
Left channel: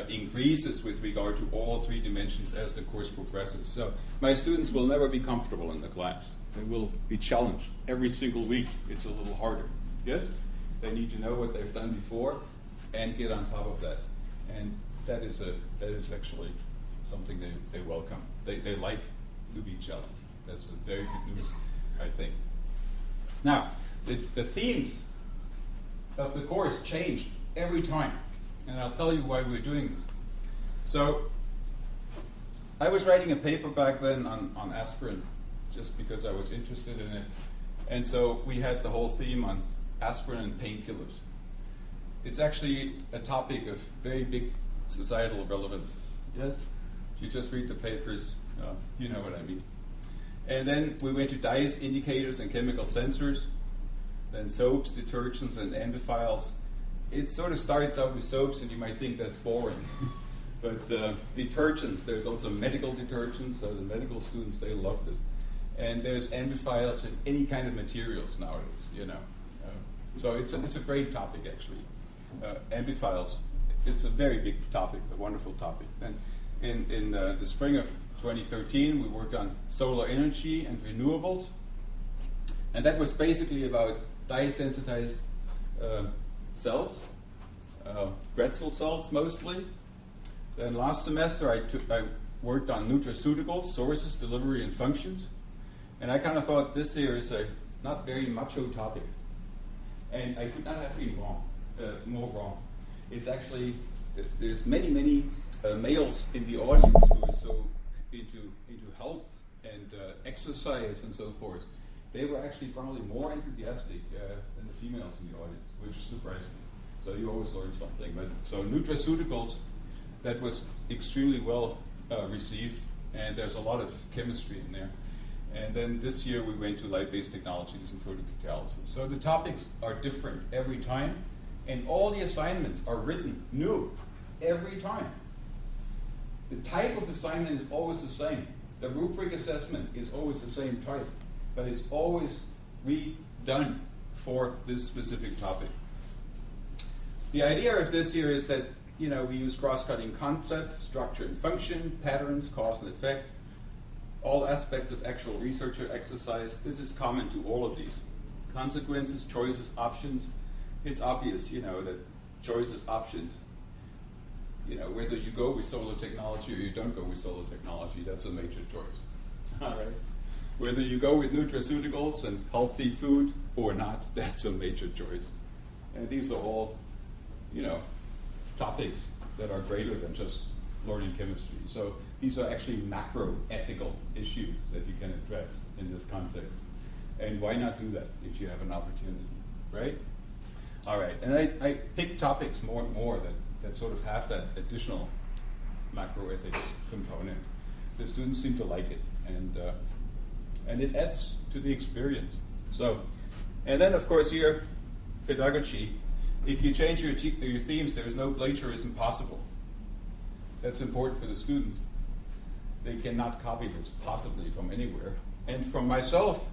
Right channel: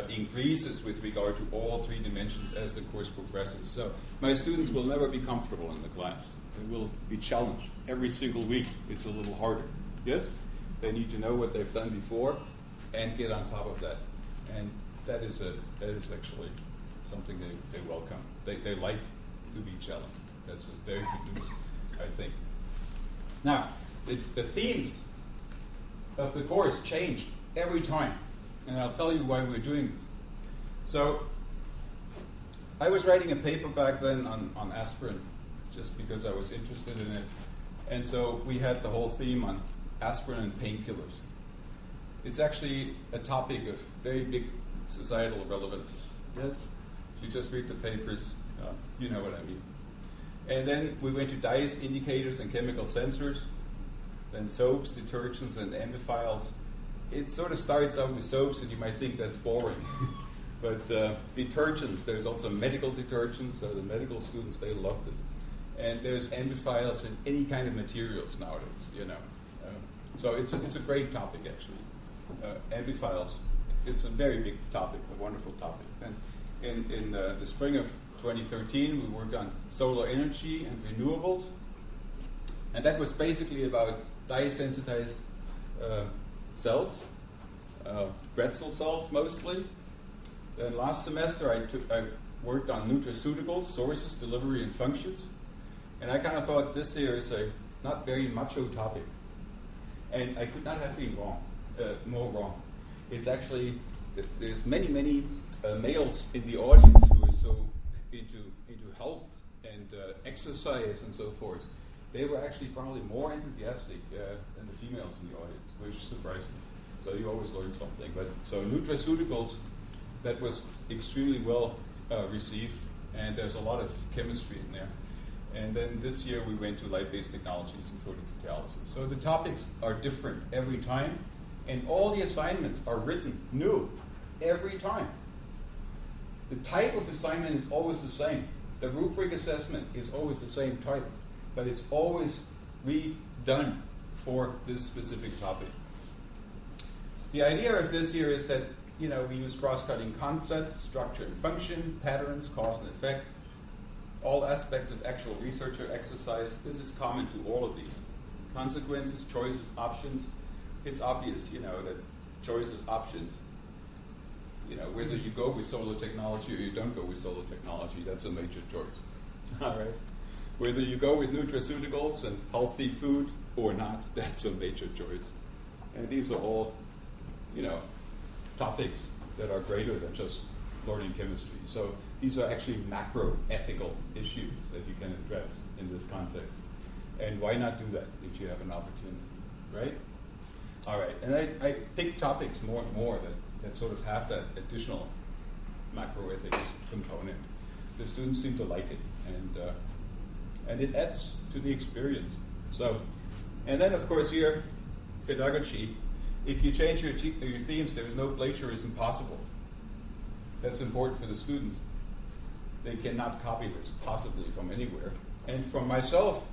increases with regard to all 3 dimensions as the course progresses. So my students will never be comfortable in the class. They will be challenged every single week. It's a little harder. Yes? They need to know what they've done before and get on top of that. And that is actually something they welcome. They like to be challenged. That's a very good news, I think. Now, the themes of the course change every time. And I'll tell you why we're doing this. So, I was writing a paper back then on aspirin, just because I was interested in it. And so we had the whole theme on aspirin and painkillers. It's actually a topic of very big societal relevance. Yes? If you just read the papers, you know what I mean. And then we went to dyes, indicators, and chemical sensors. Then soaps, detergents, and amphiphils. It sort of starts out with soaps, and you might think that's boring. But detergents, there's also medical detergents, so the medical students, they love this. And there's amphiphils in any kind of materials nowadays, you know. So it's a great topic, actually. Amphiphils, it's a very big topic, a wonderful topic. And in the spring of 2013, we worked on solar energy and renewables. And that was basically about dye-sensitized cells, Grätzel cells mostly. Then last semester I worked on nutraceuticals, sources, delivery, and functions. And I kind of thought this here is a not very macho topic. And I could not have been more wrong. It's actually, there's many males in the audience who are so into health and exercise and so forth. They were actually probably more enthusiastic than the females in the audience, which surprised me. So you always learn something. But so nutraceuticals, that was extremely well received, and there's a lot of chemistry in there. And then this year we went to light-based technologies and photocatalysis. So the topics are different every time, and all the assignments are written new every time. The type of assignment is always the same. The rubric assessment is always the same type, but it's always redone for this specific topic. The idea of this here is that, you know, we use cross-cutting concepts, structure and function, patterns, cause and effect, all aspects of actual research or exercise. This is common to all of these. Consequences, choices, options. It's obvious, you know, that choices, options, you know, whether you go with solar technology or you don't go with solar technology, that's a major choice. All right. Whether you go with nutraceuticals and healthy food or not, that's a major choice. And these are all, you know, topics that are greater than just learning chemistry. So these are actually macro ethical issues that you can address in this context. And why not do that if you have an opportunity, right? All right, and I pick topics more and more that sort of have that additional macro ethics component. The students seem to like it, and it adds to the experience. So, and then of course here, pedagogy. If you change your themes, there is no plagiarism possible. That's important for the students. They cannot copy this possibly from anywhere. And for myself,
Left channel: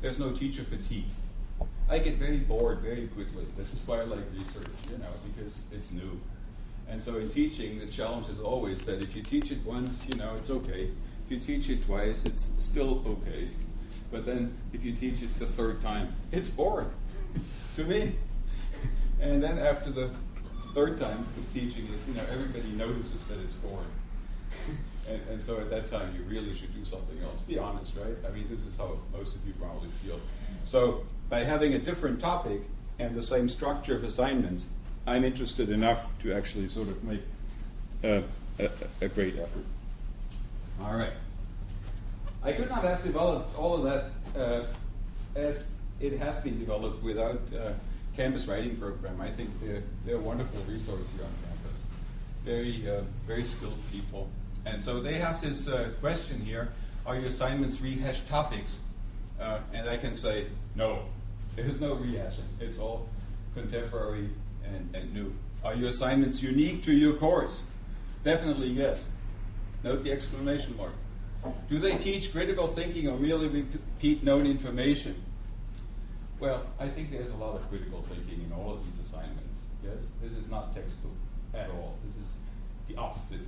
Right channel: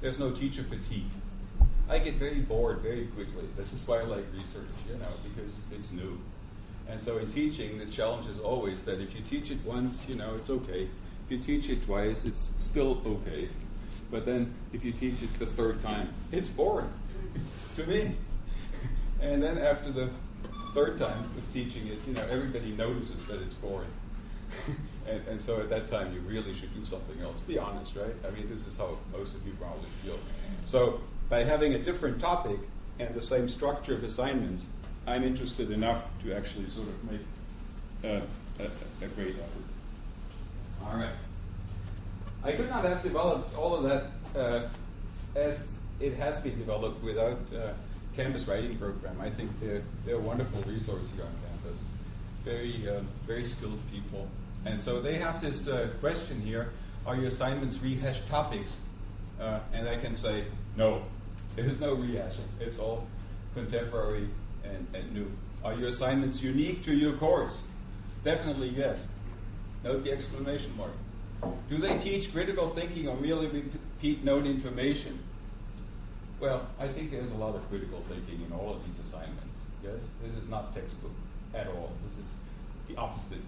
there's no teacher fatigue. I get very bored very quickly. This is why I like research, because it's new. And so in teaching, the challenge is always that if you teach it once, it's okay. If you teach it twice, it's still okay. But then if you teach it the third time, it's boring to me. And then after the third time of teaching it, everybody notices that it's boring. and so at that time, you really should do something else. Be honest, right? I mean, this is how most of you probably feel. So by having a different topic and the same structure of assignments, I'm interested enough to actually sort of make a great effort. All right. I could not have developed all of that as it has been developed without Canvas writing program. I think they're a wonderful resource here on campus. Very skilled people. And so they have this question here, are your assignments rehashed topics? And I can say, no, there's no rehashing. It's all contemporary and new. Are your assignments unique to your course? Definitely yes. Note the exclamation mark. Do they teach critical thinking or merely repeat known information? Well, I think there's a lot of critical thinking in all of these assignments. Yes, this is not textbook at all. This is the opposite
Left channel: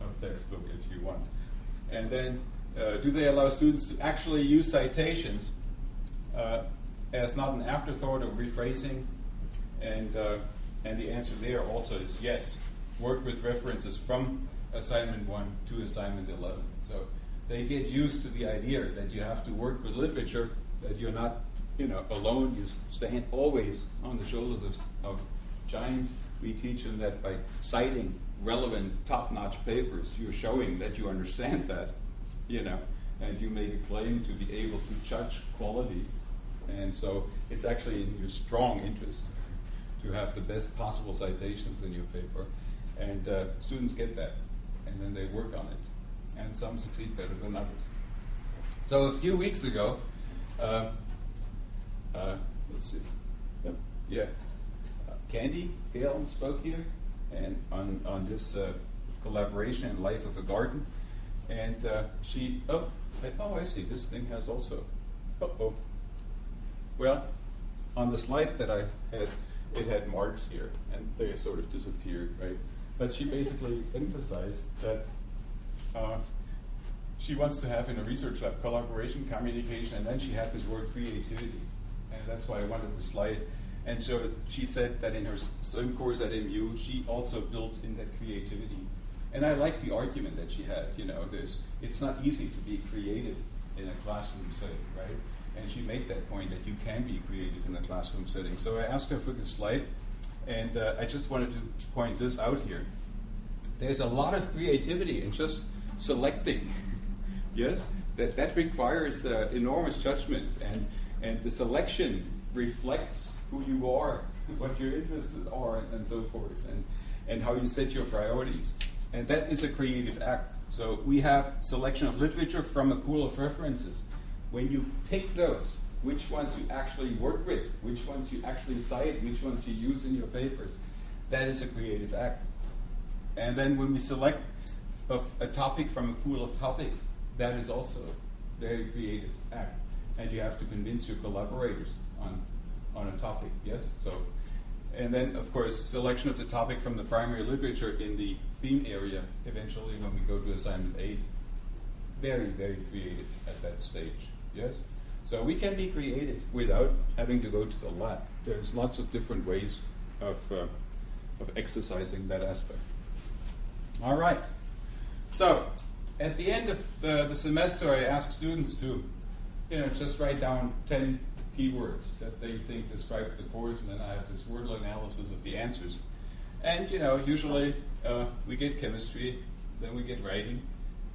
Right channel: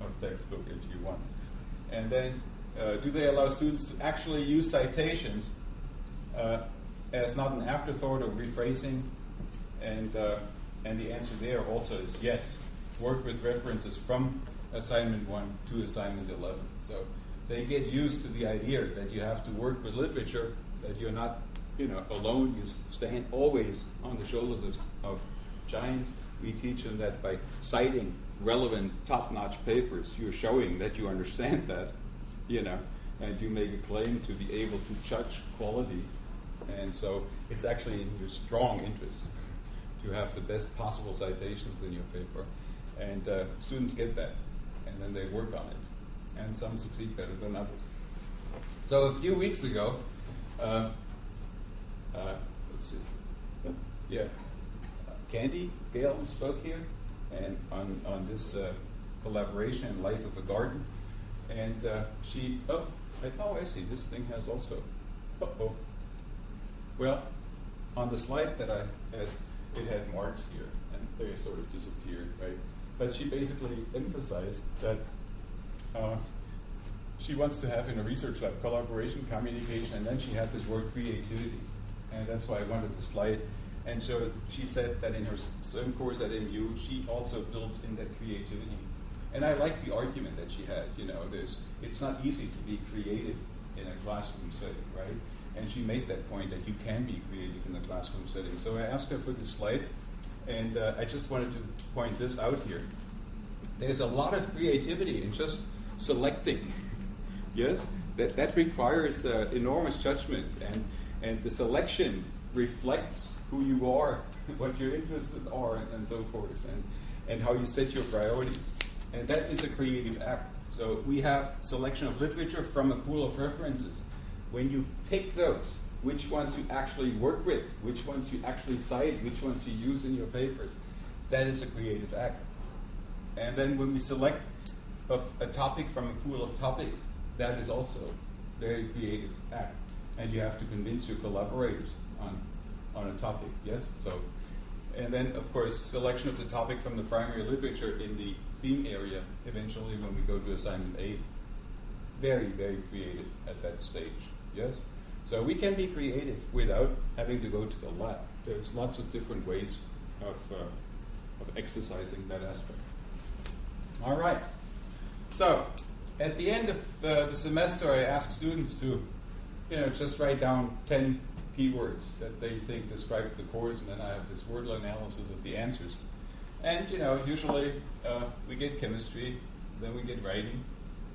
of textbook, if you want. And then, do they allow students to actually use citations as not an afterthought or rephrasing? And the answer there also is yes. Work with references from assignment 1 to assignment 11. So they get used to the idea that you have to work with literature, that you're not alone. You stand always on the shoulders of giants. We teach them that by citing relevant, top-notch papers, you're showing that you understand that, and you make a claim to be able to judge quality. And so it's actually in your strong interest to have the best possible citations in your paper. And students get that, and then they work on it. And some succeed better than others. So a few weeks ago, let's see, Candy Galen spoke here, and on this collaboration in Life of a Garden, and she, I see, this thing has also, well, on the slide that I had, it had marks here, and they sort of disappeared, right? But she basically emphasized that she wants to have in a research lab collaboration, communication, and then she had this word creativity. And that's why I wanted the slide. And so she said that in her STEM course at MU, she also builds in that creativity. And I like the argument that she had. It's not easy to be creative in a classroom setting, right? And she made that point that you can be creative in a classroom setting. So I asked her for the slide, and I just wanted to point this out here. There's a lot of creativity in just selecting. Yes, that requires enormous judgment, and the selection reflects who you are, what your interests are, and so forth, and how you set your priorities. And that is a creative act. So we have selection of literature from a pool of references. When you pick those, which ones you actually work with, which ones you actually cite, which ones you use in your papers, that is a creative act. And then when we select a topic from a pool of topics, that is also a very creative act. And you have to convince your collaborators on a topic, yes? So, and then, of course, selection of the topic from the primary literature in the theme area, eventually when we go to assignment 8. Very, very creative at that stage, yes? So we can be creative without having to go to the lab. There's lots of different ways of exercising that aspect. All right. So at the end of the semester, I ask students to, just write down 10 keywords that they think describe the course, and then I have this word analysis of the answers. And usually we get chemistry, then we get writing,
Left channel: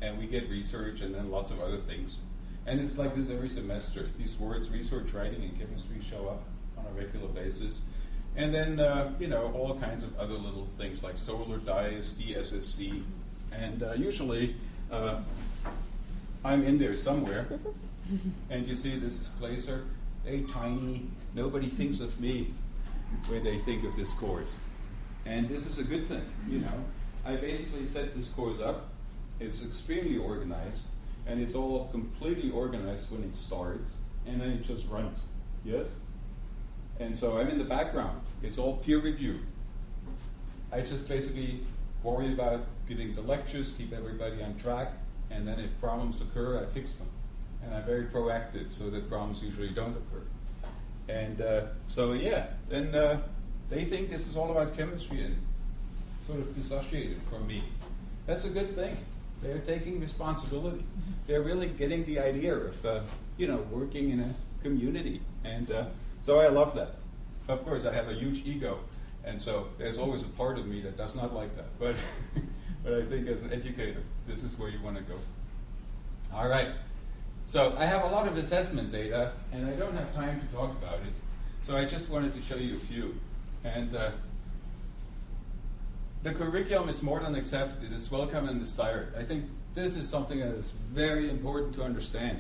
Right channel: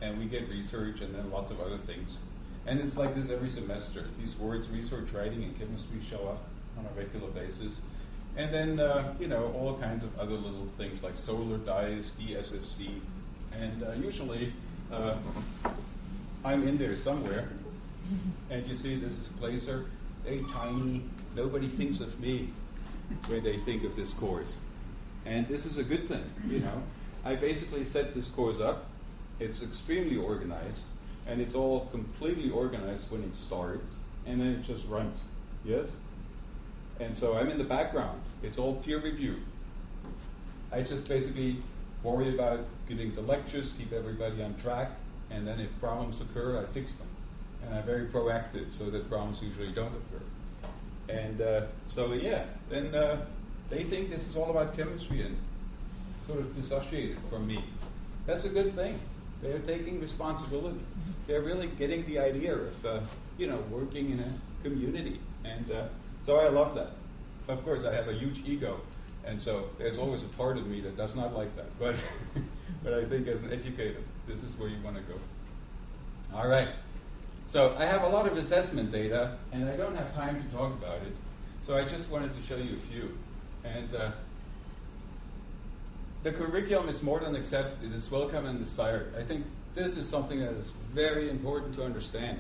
and we get research, and then lots of other things. And it's like this every semester. These words, research, writing, and chemistry, show up on a regular basis. And then, all kinds of other little things like solar dyes, DSSC, and usually I'm in there somewhere. And you see, this is Glaser, very tiny. Nobody thinks of me when they think of this course. And this is a good thing, I basically set this course up. It's extremely organized. And it's all completely organized when it starts, and then it just runs. Yes? And so I'm in the background. It's all peer review. I just basically worry about giving the lectures, keep everybody on track, and then if problems occur, I fix them. And I'm very proactive, so that problems usually don't occur. And so yeah, then they think this is all about chemistry and sort of dissociated from me. That's a good thing. They're taking responsibility. They're really getting the idea of working in a community. And so I love that. Of course, I have a huge ego, and so there's always a part of me that does not like that. But but I think as an educator, this is where you want to go. All right. So I have a lot of assessment data, and I don't have time to talk about it. So I just wanted to show you a few. And the curriculum is more than accepted. It is welcome and desired. I think this is something that is very important to understand.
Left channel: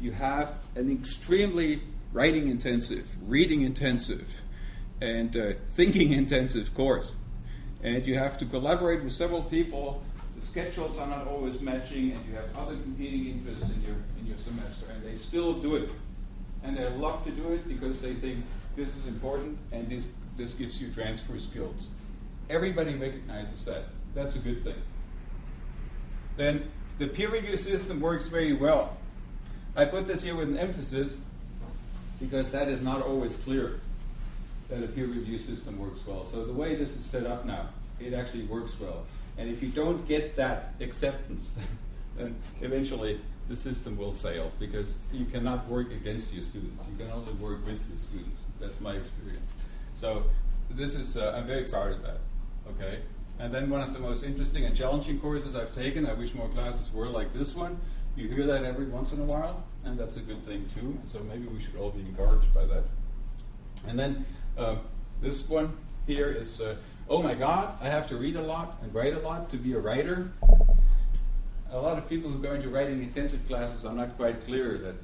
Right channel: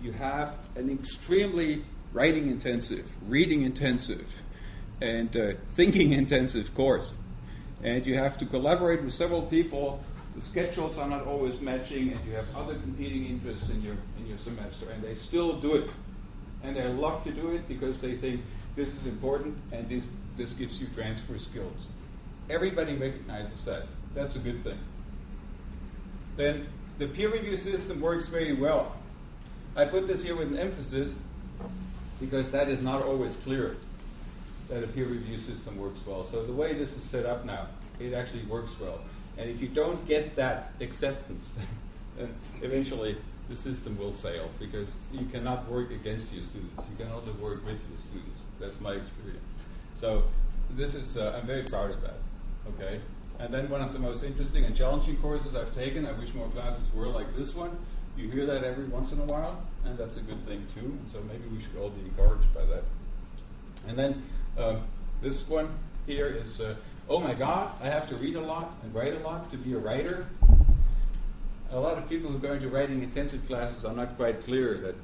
You have an extremely writing intensive, reading intensive, and thinking intensive course. And you have to collaborate with several people. The schedules are not always matching, and you have other competing interests in your semester, and they still do it. And they love to do it because they think this is important, and this gives you transfer skills. Everybody recognizes that. That's a good thing. Then the peer review system works very well. I put this here with an emphasis because that is not always clear, that a peer review system works well. So the way this is set up now, it actually works well. And if you don't get that acceptance, then eventually the system will fail because you cannot work against your students. You can only work with your students. That's my experience. So this is, I'm very proud of that. Okay? And then one of the most interesting and challenging courses I've taken, I wish more classes were like this one. You hear that every once in a while, and that's a good thing too. And so maybe we should all be encouraged by that. And then this one here is, oh my God, I have to read a lot and write a lot to be a writer. A lot of people who go into writing intensive classes are not quite clear that,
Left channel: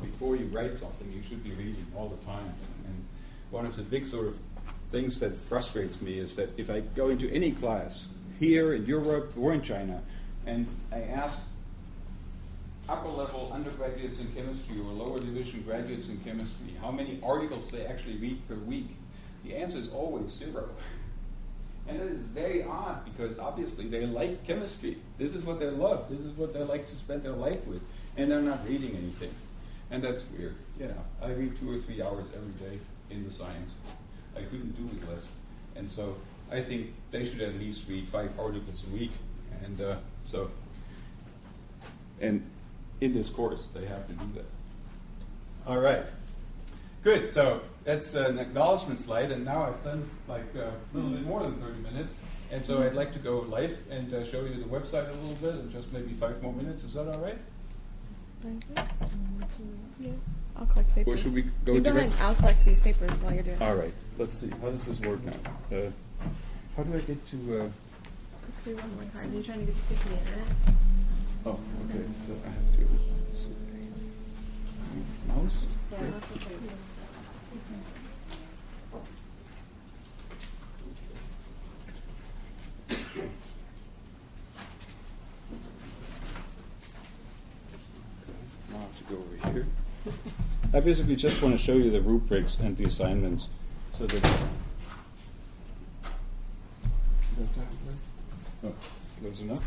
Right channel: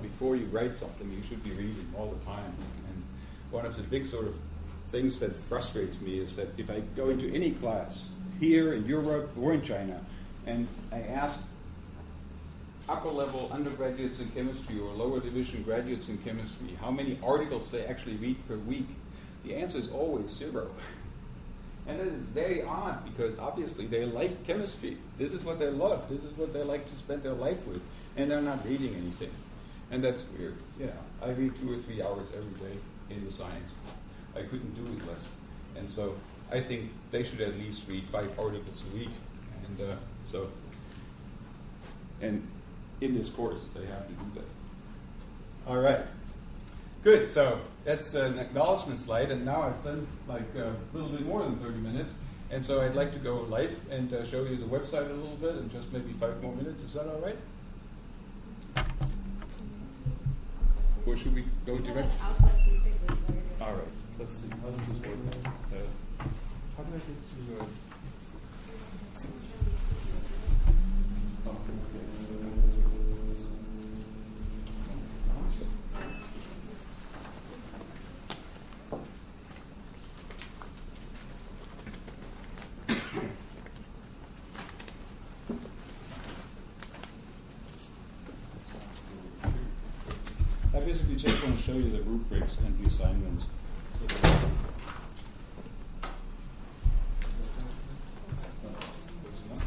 before you write something, you should be reading all the time. And one of the big sort of things that frustrates me is that if I go into any class, here in Europe or in China, and I ask upper-level undergraduates in chemistry or lower division graduates in chemistry how many articles they actually read per week, the answer is always 0. And that is very odd because obviously they like chemistry. This is what they love. This is what they like to spend their life with. And they're not reading anything. And that's weird. I read 2 or 3 hours every day in the science. I couldn't do it less. And so I think they should at least read 5 articles a week. And and in this course, they have to do that. All right. Good. So that's an acknowledgement slide. And now I've done like a little bit more than 30 minutes. And so I'd like to go live and show you the website a little bit in just maybe 5 more minutes. Is that all right? I'll collect papers. Or should we go You direct? I'll collect these papers while you're doing it. All right. Let's see. How does this work now? How do I get to... Do one more time. You're trying to be sticky in it. Oh, okay. So I have to... Mouse? Yeah, that's what it is. I basically just want to show you the rubrics and the assignments. So that close enough.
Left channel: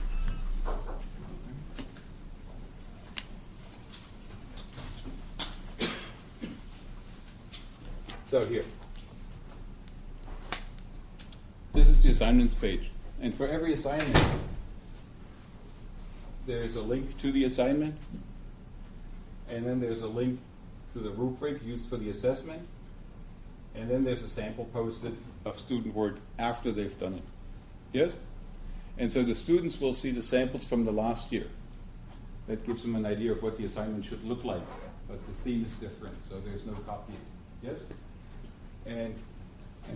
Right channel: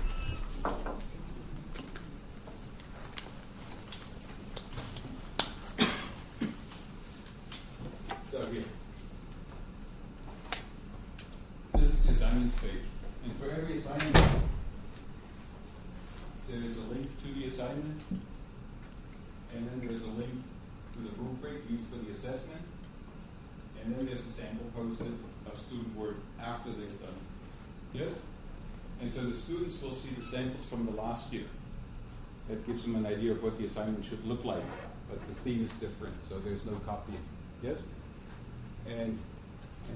So here. This is the assignments page. And for every assignment, there is a link to the assignment. And then there's a link to the rubric used for the assessment. And then there's a sample posted of student work after they've done it. Yes? And so the students will see the samples from the last year. That gives them an idea of what the assignment should look like. But the theme is different, so there's no copying. Yes? And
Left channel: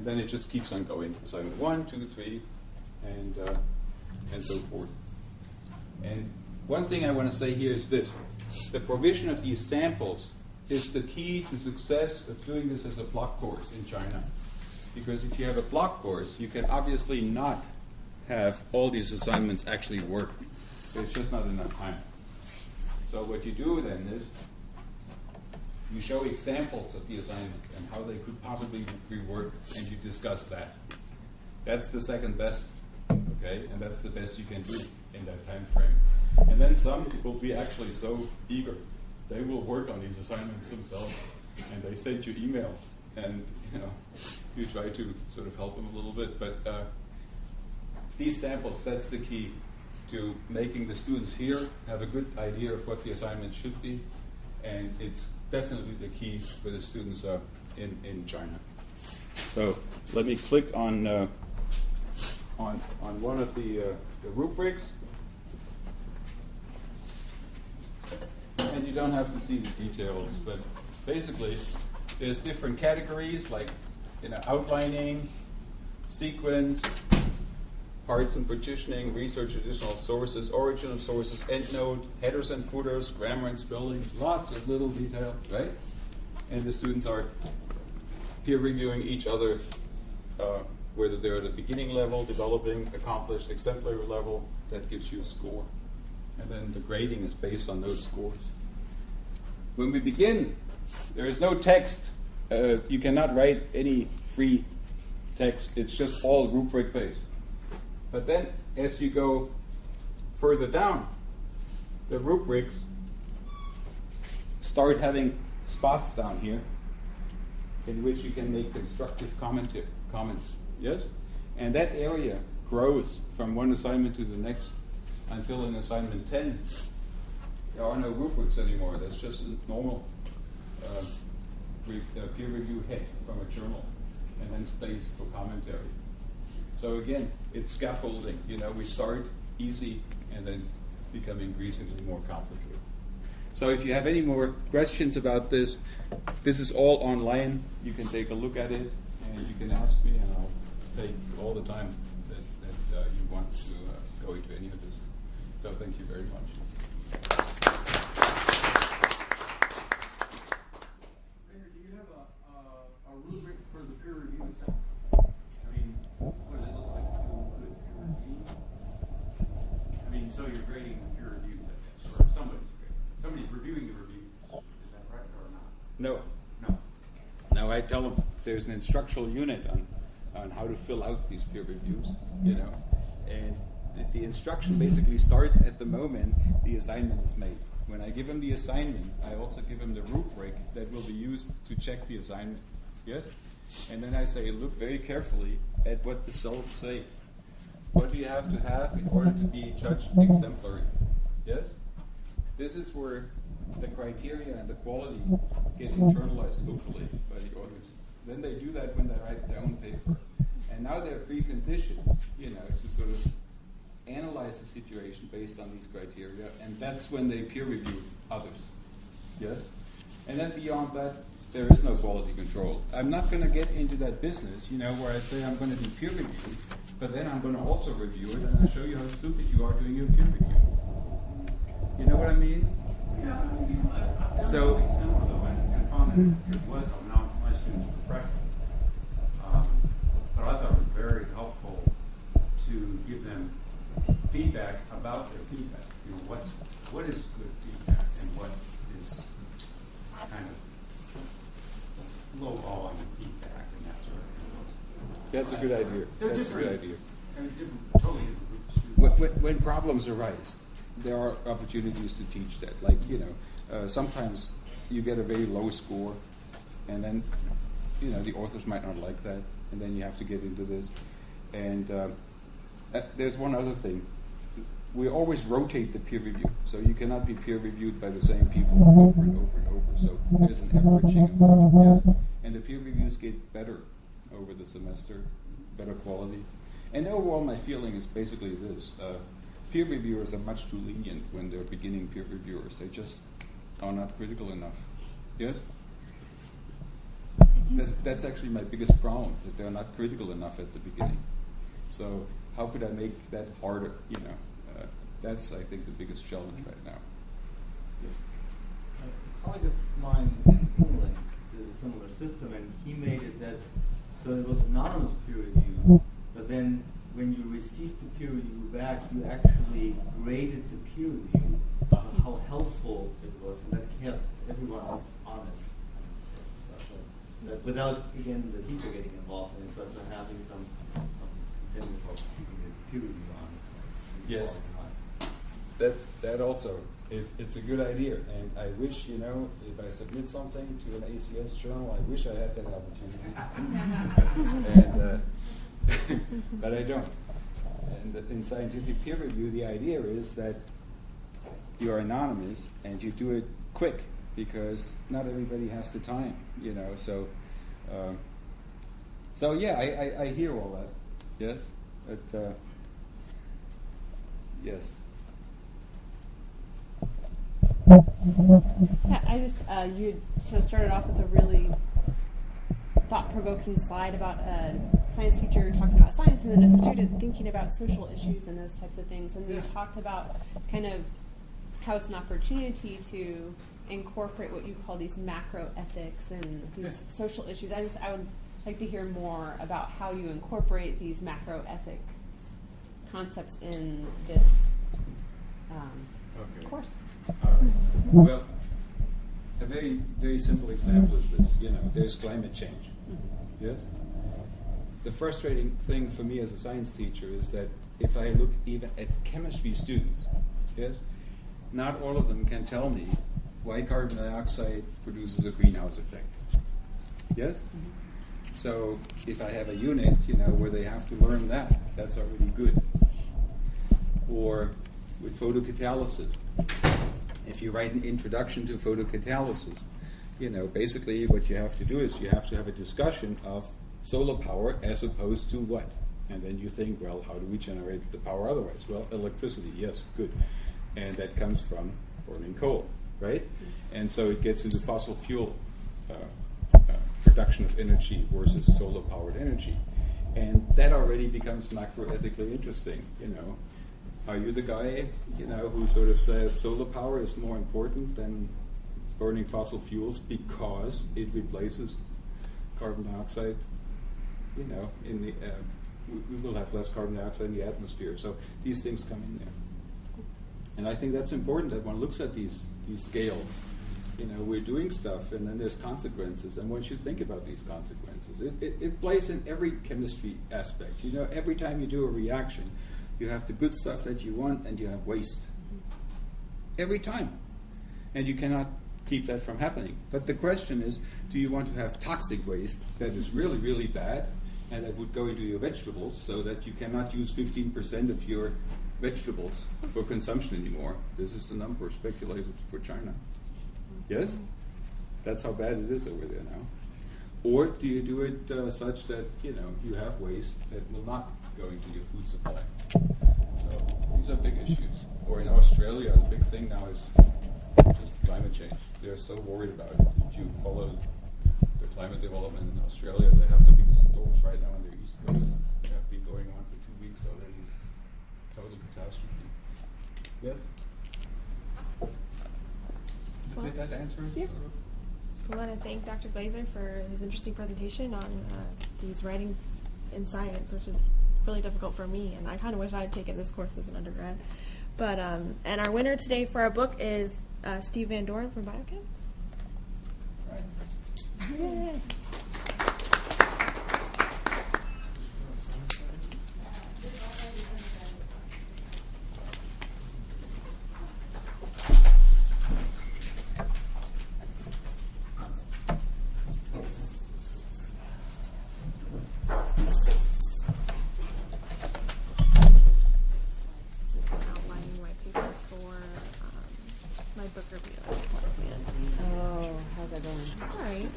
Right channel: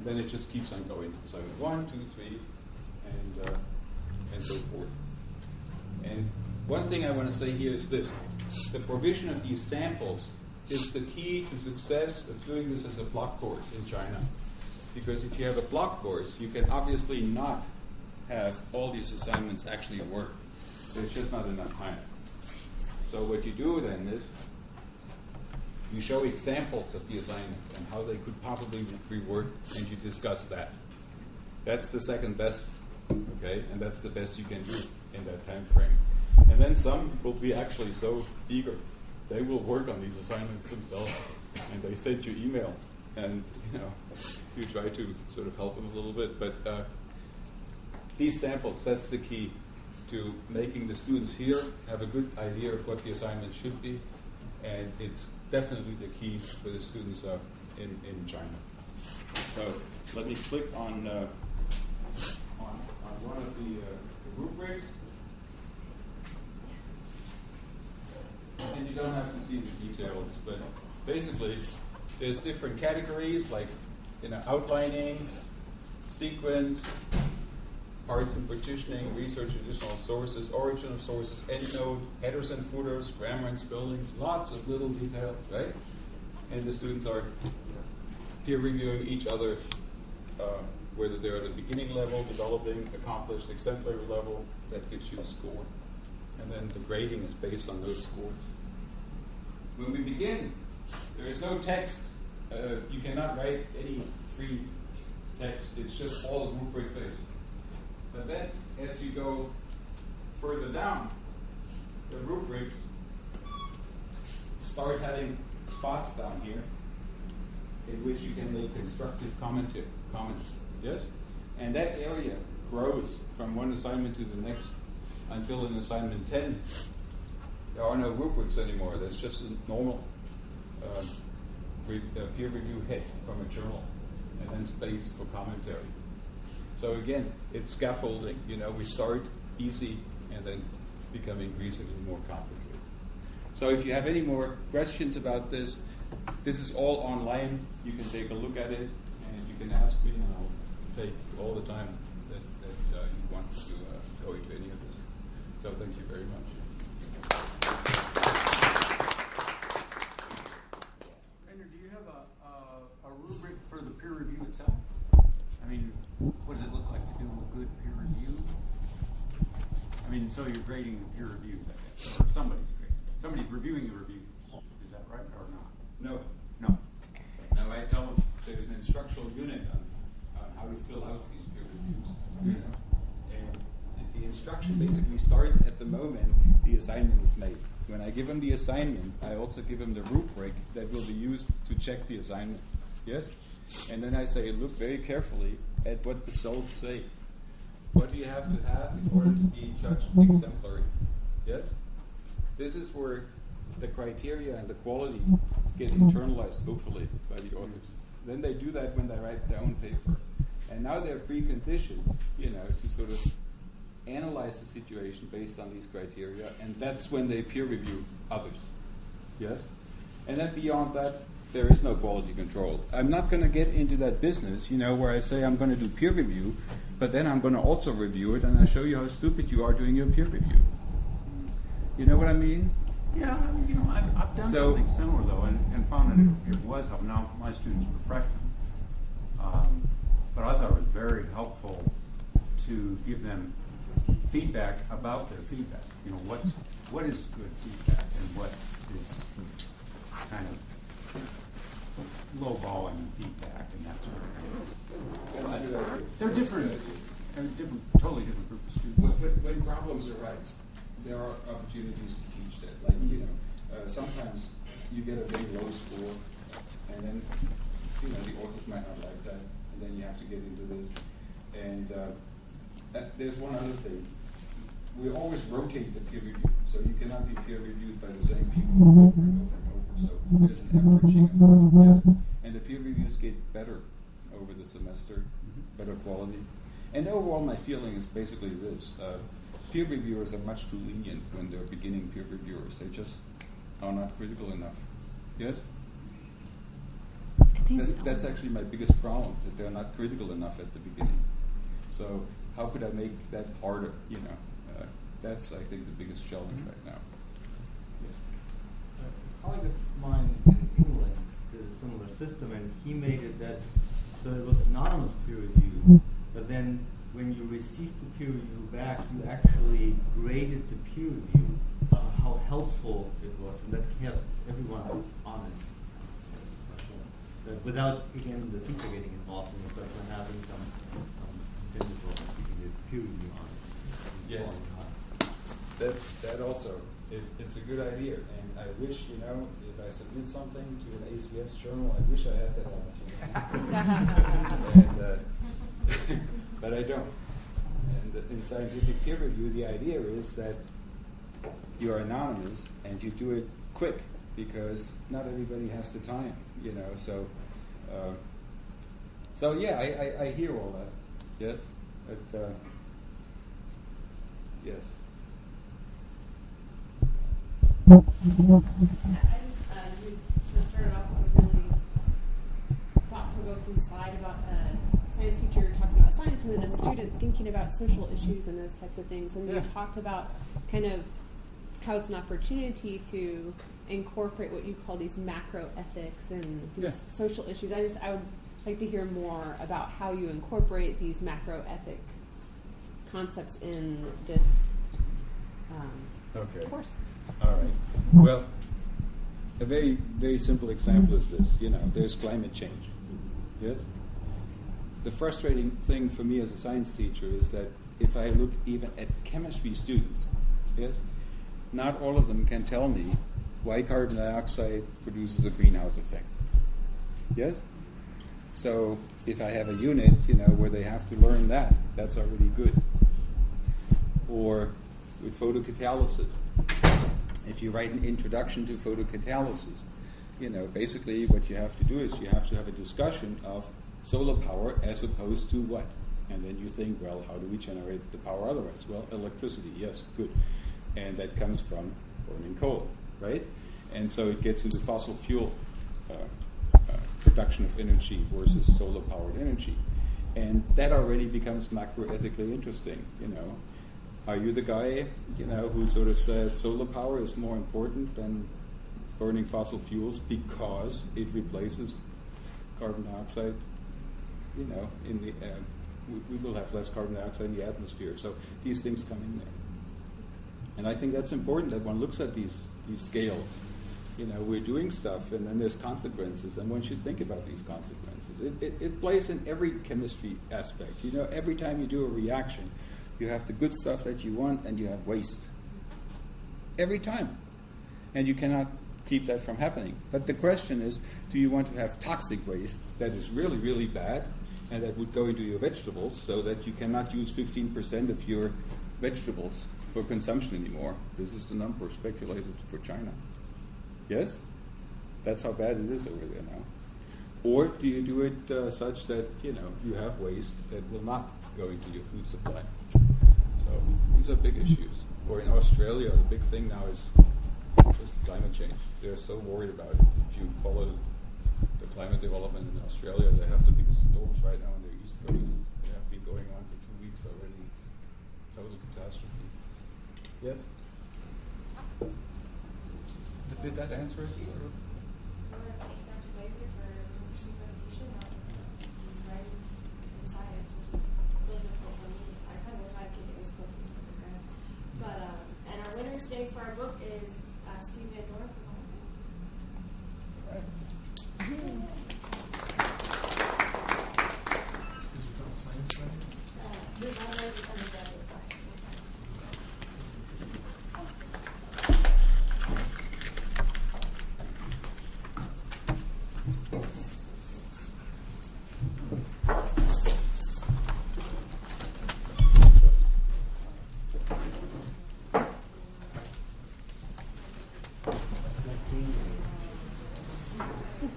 then it just keeps on going. Assignment 1, 2, 3, and so forth. And one thing I want to say here is this. The provision of these samples is the key to success of doing this as a block course in China. Because if you have a block course, you can obviously not have all these assignments actually work. There's just not enough time. So what you do then is you show examples of the assignments and how they could possibly be worked, and you discuss that. That's the second best, okay? And that's the best you can do in that time frame. And then some will be actually so eager. They will work on these assignments themselves, and they send you email, and you try to sort of help them a little bit. But these samples, that's the key to making the students here have a good idea of what the assignment should be, and it's definitely the key for the students in China. So let me click on one of the rubrics, and you don't have to see the details, but basically there's different categories like outlining, sequence, parts and partitioning, research additional sources, origin of sources, endnote, headers and footers, grammar and spelling, lots of little detail, right? And the students are peer reviewing each other, whether they're at the beginning level, developing, accomplished, exemplary level. That gives you a score. And then the grading is based on those scores. When we begin, there is no text. You cannot write any free text. It's just all rubric based. But then, as you go further down, the rubrics start having spots down here in which you can make constructive comments. Yes? And that area grows from one assignment to the next until in assignment 10, there are no rubrics anymore. That's just a normal peer review head from a journal, and then space for commentary. So again, it's scaffolding. We start easy and then become increasingly more complicated. So if you have any more questions about this is all online. You can take a look at it, and you can ask me, and I'll take all the time that you want to go into any of this. So thank you very much. Rainer, do you have a rubric for the peer review itself? I mean, what does it look like to do a good peer review? I mean, so you're grading the peer reviews, I guess, or somebody's reviewing the reviews. Is that right or not? No. No, I tell them there's an instructional unit on how to fill out these peer reviews, and the instruction basically starts at the moment the assignment is made. When I give them the assignment, I also give them the rubric that will be used to check the assignment. Yes? And then I say, look very carefully at what the cells say. What do you have to have in order to be judged exemplary? Yes? This is where the criteria and the quality get internalized, hopefully, by the authors. Then they do that when they write their own paper. And now they're preconditioned, to sort of analyze the situation based on these criteria, and that's when they peer review others. Yes? And then beyond that, there is no quality control. I'm not going to get into that business, where I say I'm going to do peer review, but then I'm going to also review it, and I show you how stupid you are doing your peer review. You know what I mean? Yeah, I've done something similar, though, and found that it was helpful. Now, my students were freshmen, but I thought it was very helpful to give them feedback about their feedback. What is good feedback and what is kind of lowballing feedback and that sort of thing. That's a good idea. They're different. Totally different group of students. When problems arise, there are opportunities to teach that. Like, sometimes you get a very low score, and then, the authors might not like that, and then you have to get into this. And there's one other thing. We always rotate the peer review, so you cannot be peer reviewed by the same people over and over and over. So there's an averaging effect, yes. And the peer reviews get better over the semester, better quality. And overall, my feeling is basically this. Peer reviewers are much too lenient when they're beginning peer reviewers. They just are not critical enough. Yes? That's actually my biggest problem, that they're not critical enough at the beginning. So how could I make that harder, That's, I think, the biggest challenge right now. Yes. A colleague of mine in England did a similar system, and he made it that, so it was anonymous peer review, but then when you received the peer review back, you actually graded the peer review, how helpful it was, and that kept everyone honest. That without, again, the teacher getting involved in it, but having some incentive for keeping the peer review honest. Yes. That also, it's a good idea, and I wish, you know, if I submit something to an ACS journal, I wish I had that opportunity. And, but I don't. And in scientific peer review, the idea is that you are anonymous and you do it quick, because not everybody has the time, you know. So yeah, I hear all that. Yes, but yes. Yeah, I just you sort of started off with a really thought-provoking slide about a science teacher talking about science and then a student thinking about social issues and those types of things. And you talked about kind of how it's an opportunity to incorporate what you call these macro ethics and these social issues. I would like to hear more about how you incorporate these macro ethics concepts in this course. All right. Well, a very, very simple example is this. You know, there's climate change. Yes? The frustrating thing for me as a science teacher is that if I look even at chemistry students, yes, not all of them can tell me why carbon dioxide produces a greenhouse effect. Yes? So if I have a unit, you know, where they have to learn that, that's already good. Or with photocatalysis. If you write an introduction to photocatalysis, you know, basically what you have to do is you have to have a discussion of solar power as opposed to what? And then you think, well, how do we generate the power otherwise? Well, electricity, yes, good. And that comes from burning coal, right? And so it gets into fossil fuel production of energy versus solar-powered energy. And that already becomes macroethically interesting, you know. Are you the guy, you know, who sort of says solar power is more important than burning fossil fuels because it replaces carbon dioxide? You know, in the we will have less carbon dioxide in the atmosphere. So these things come in there, and I think that's important that one looks at these scales. You know, we're doing stuff, and then there's consequences, and one should think about these consequences. It plays in every chemistry aspect. You know, every time you do a reaction, you have the good stuff that you want, and you have waste. Every time. And you cannot keep that from happening. But the question is, do you want to have toxic waste that is really, really bad, and that would go into your vegetables, so that you cannot use 15% of your vegetables for consumption anymore? This is the number speculated for China. Yes? That's how bad it is over there now. Or do you do it such that, you know, you have waste that will not go into your food supply? So these are big issues. Or in Australia, the big thing now is just climate change. They're so worried about it. If you follow the climate development in Australia, they have the biggest storms right now on the East Coast. They have been going on for 2 weeks already. It's total catastrophe. Yes? Did that answer it? Yeah. Sort of? I want to thank Dr. Glaser for his interesting presentation on his writing in science, which is really difficult for me, and I kind of wish I had taken this course as an undergrad. But and our winner today for our book is Steve Van Doren from Biochem. Right. Yeah.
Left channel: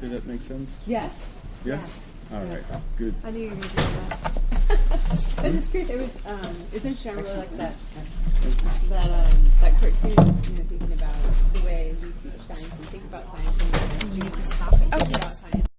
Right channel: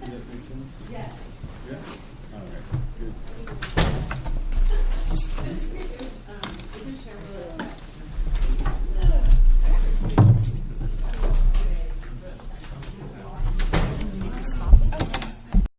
Did that make sense? Yes. Yeah? All right. Good. I knew you were going to do that. I was just curious. It was interesting. I really like that cartoon. You know, thinking about the way we teach science and think about science. You need to stop it. Oh, yeah.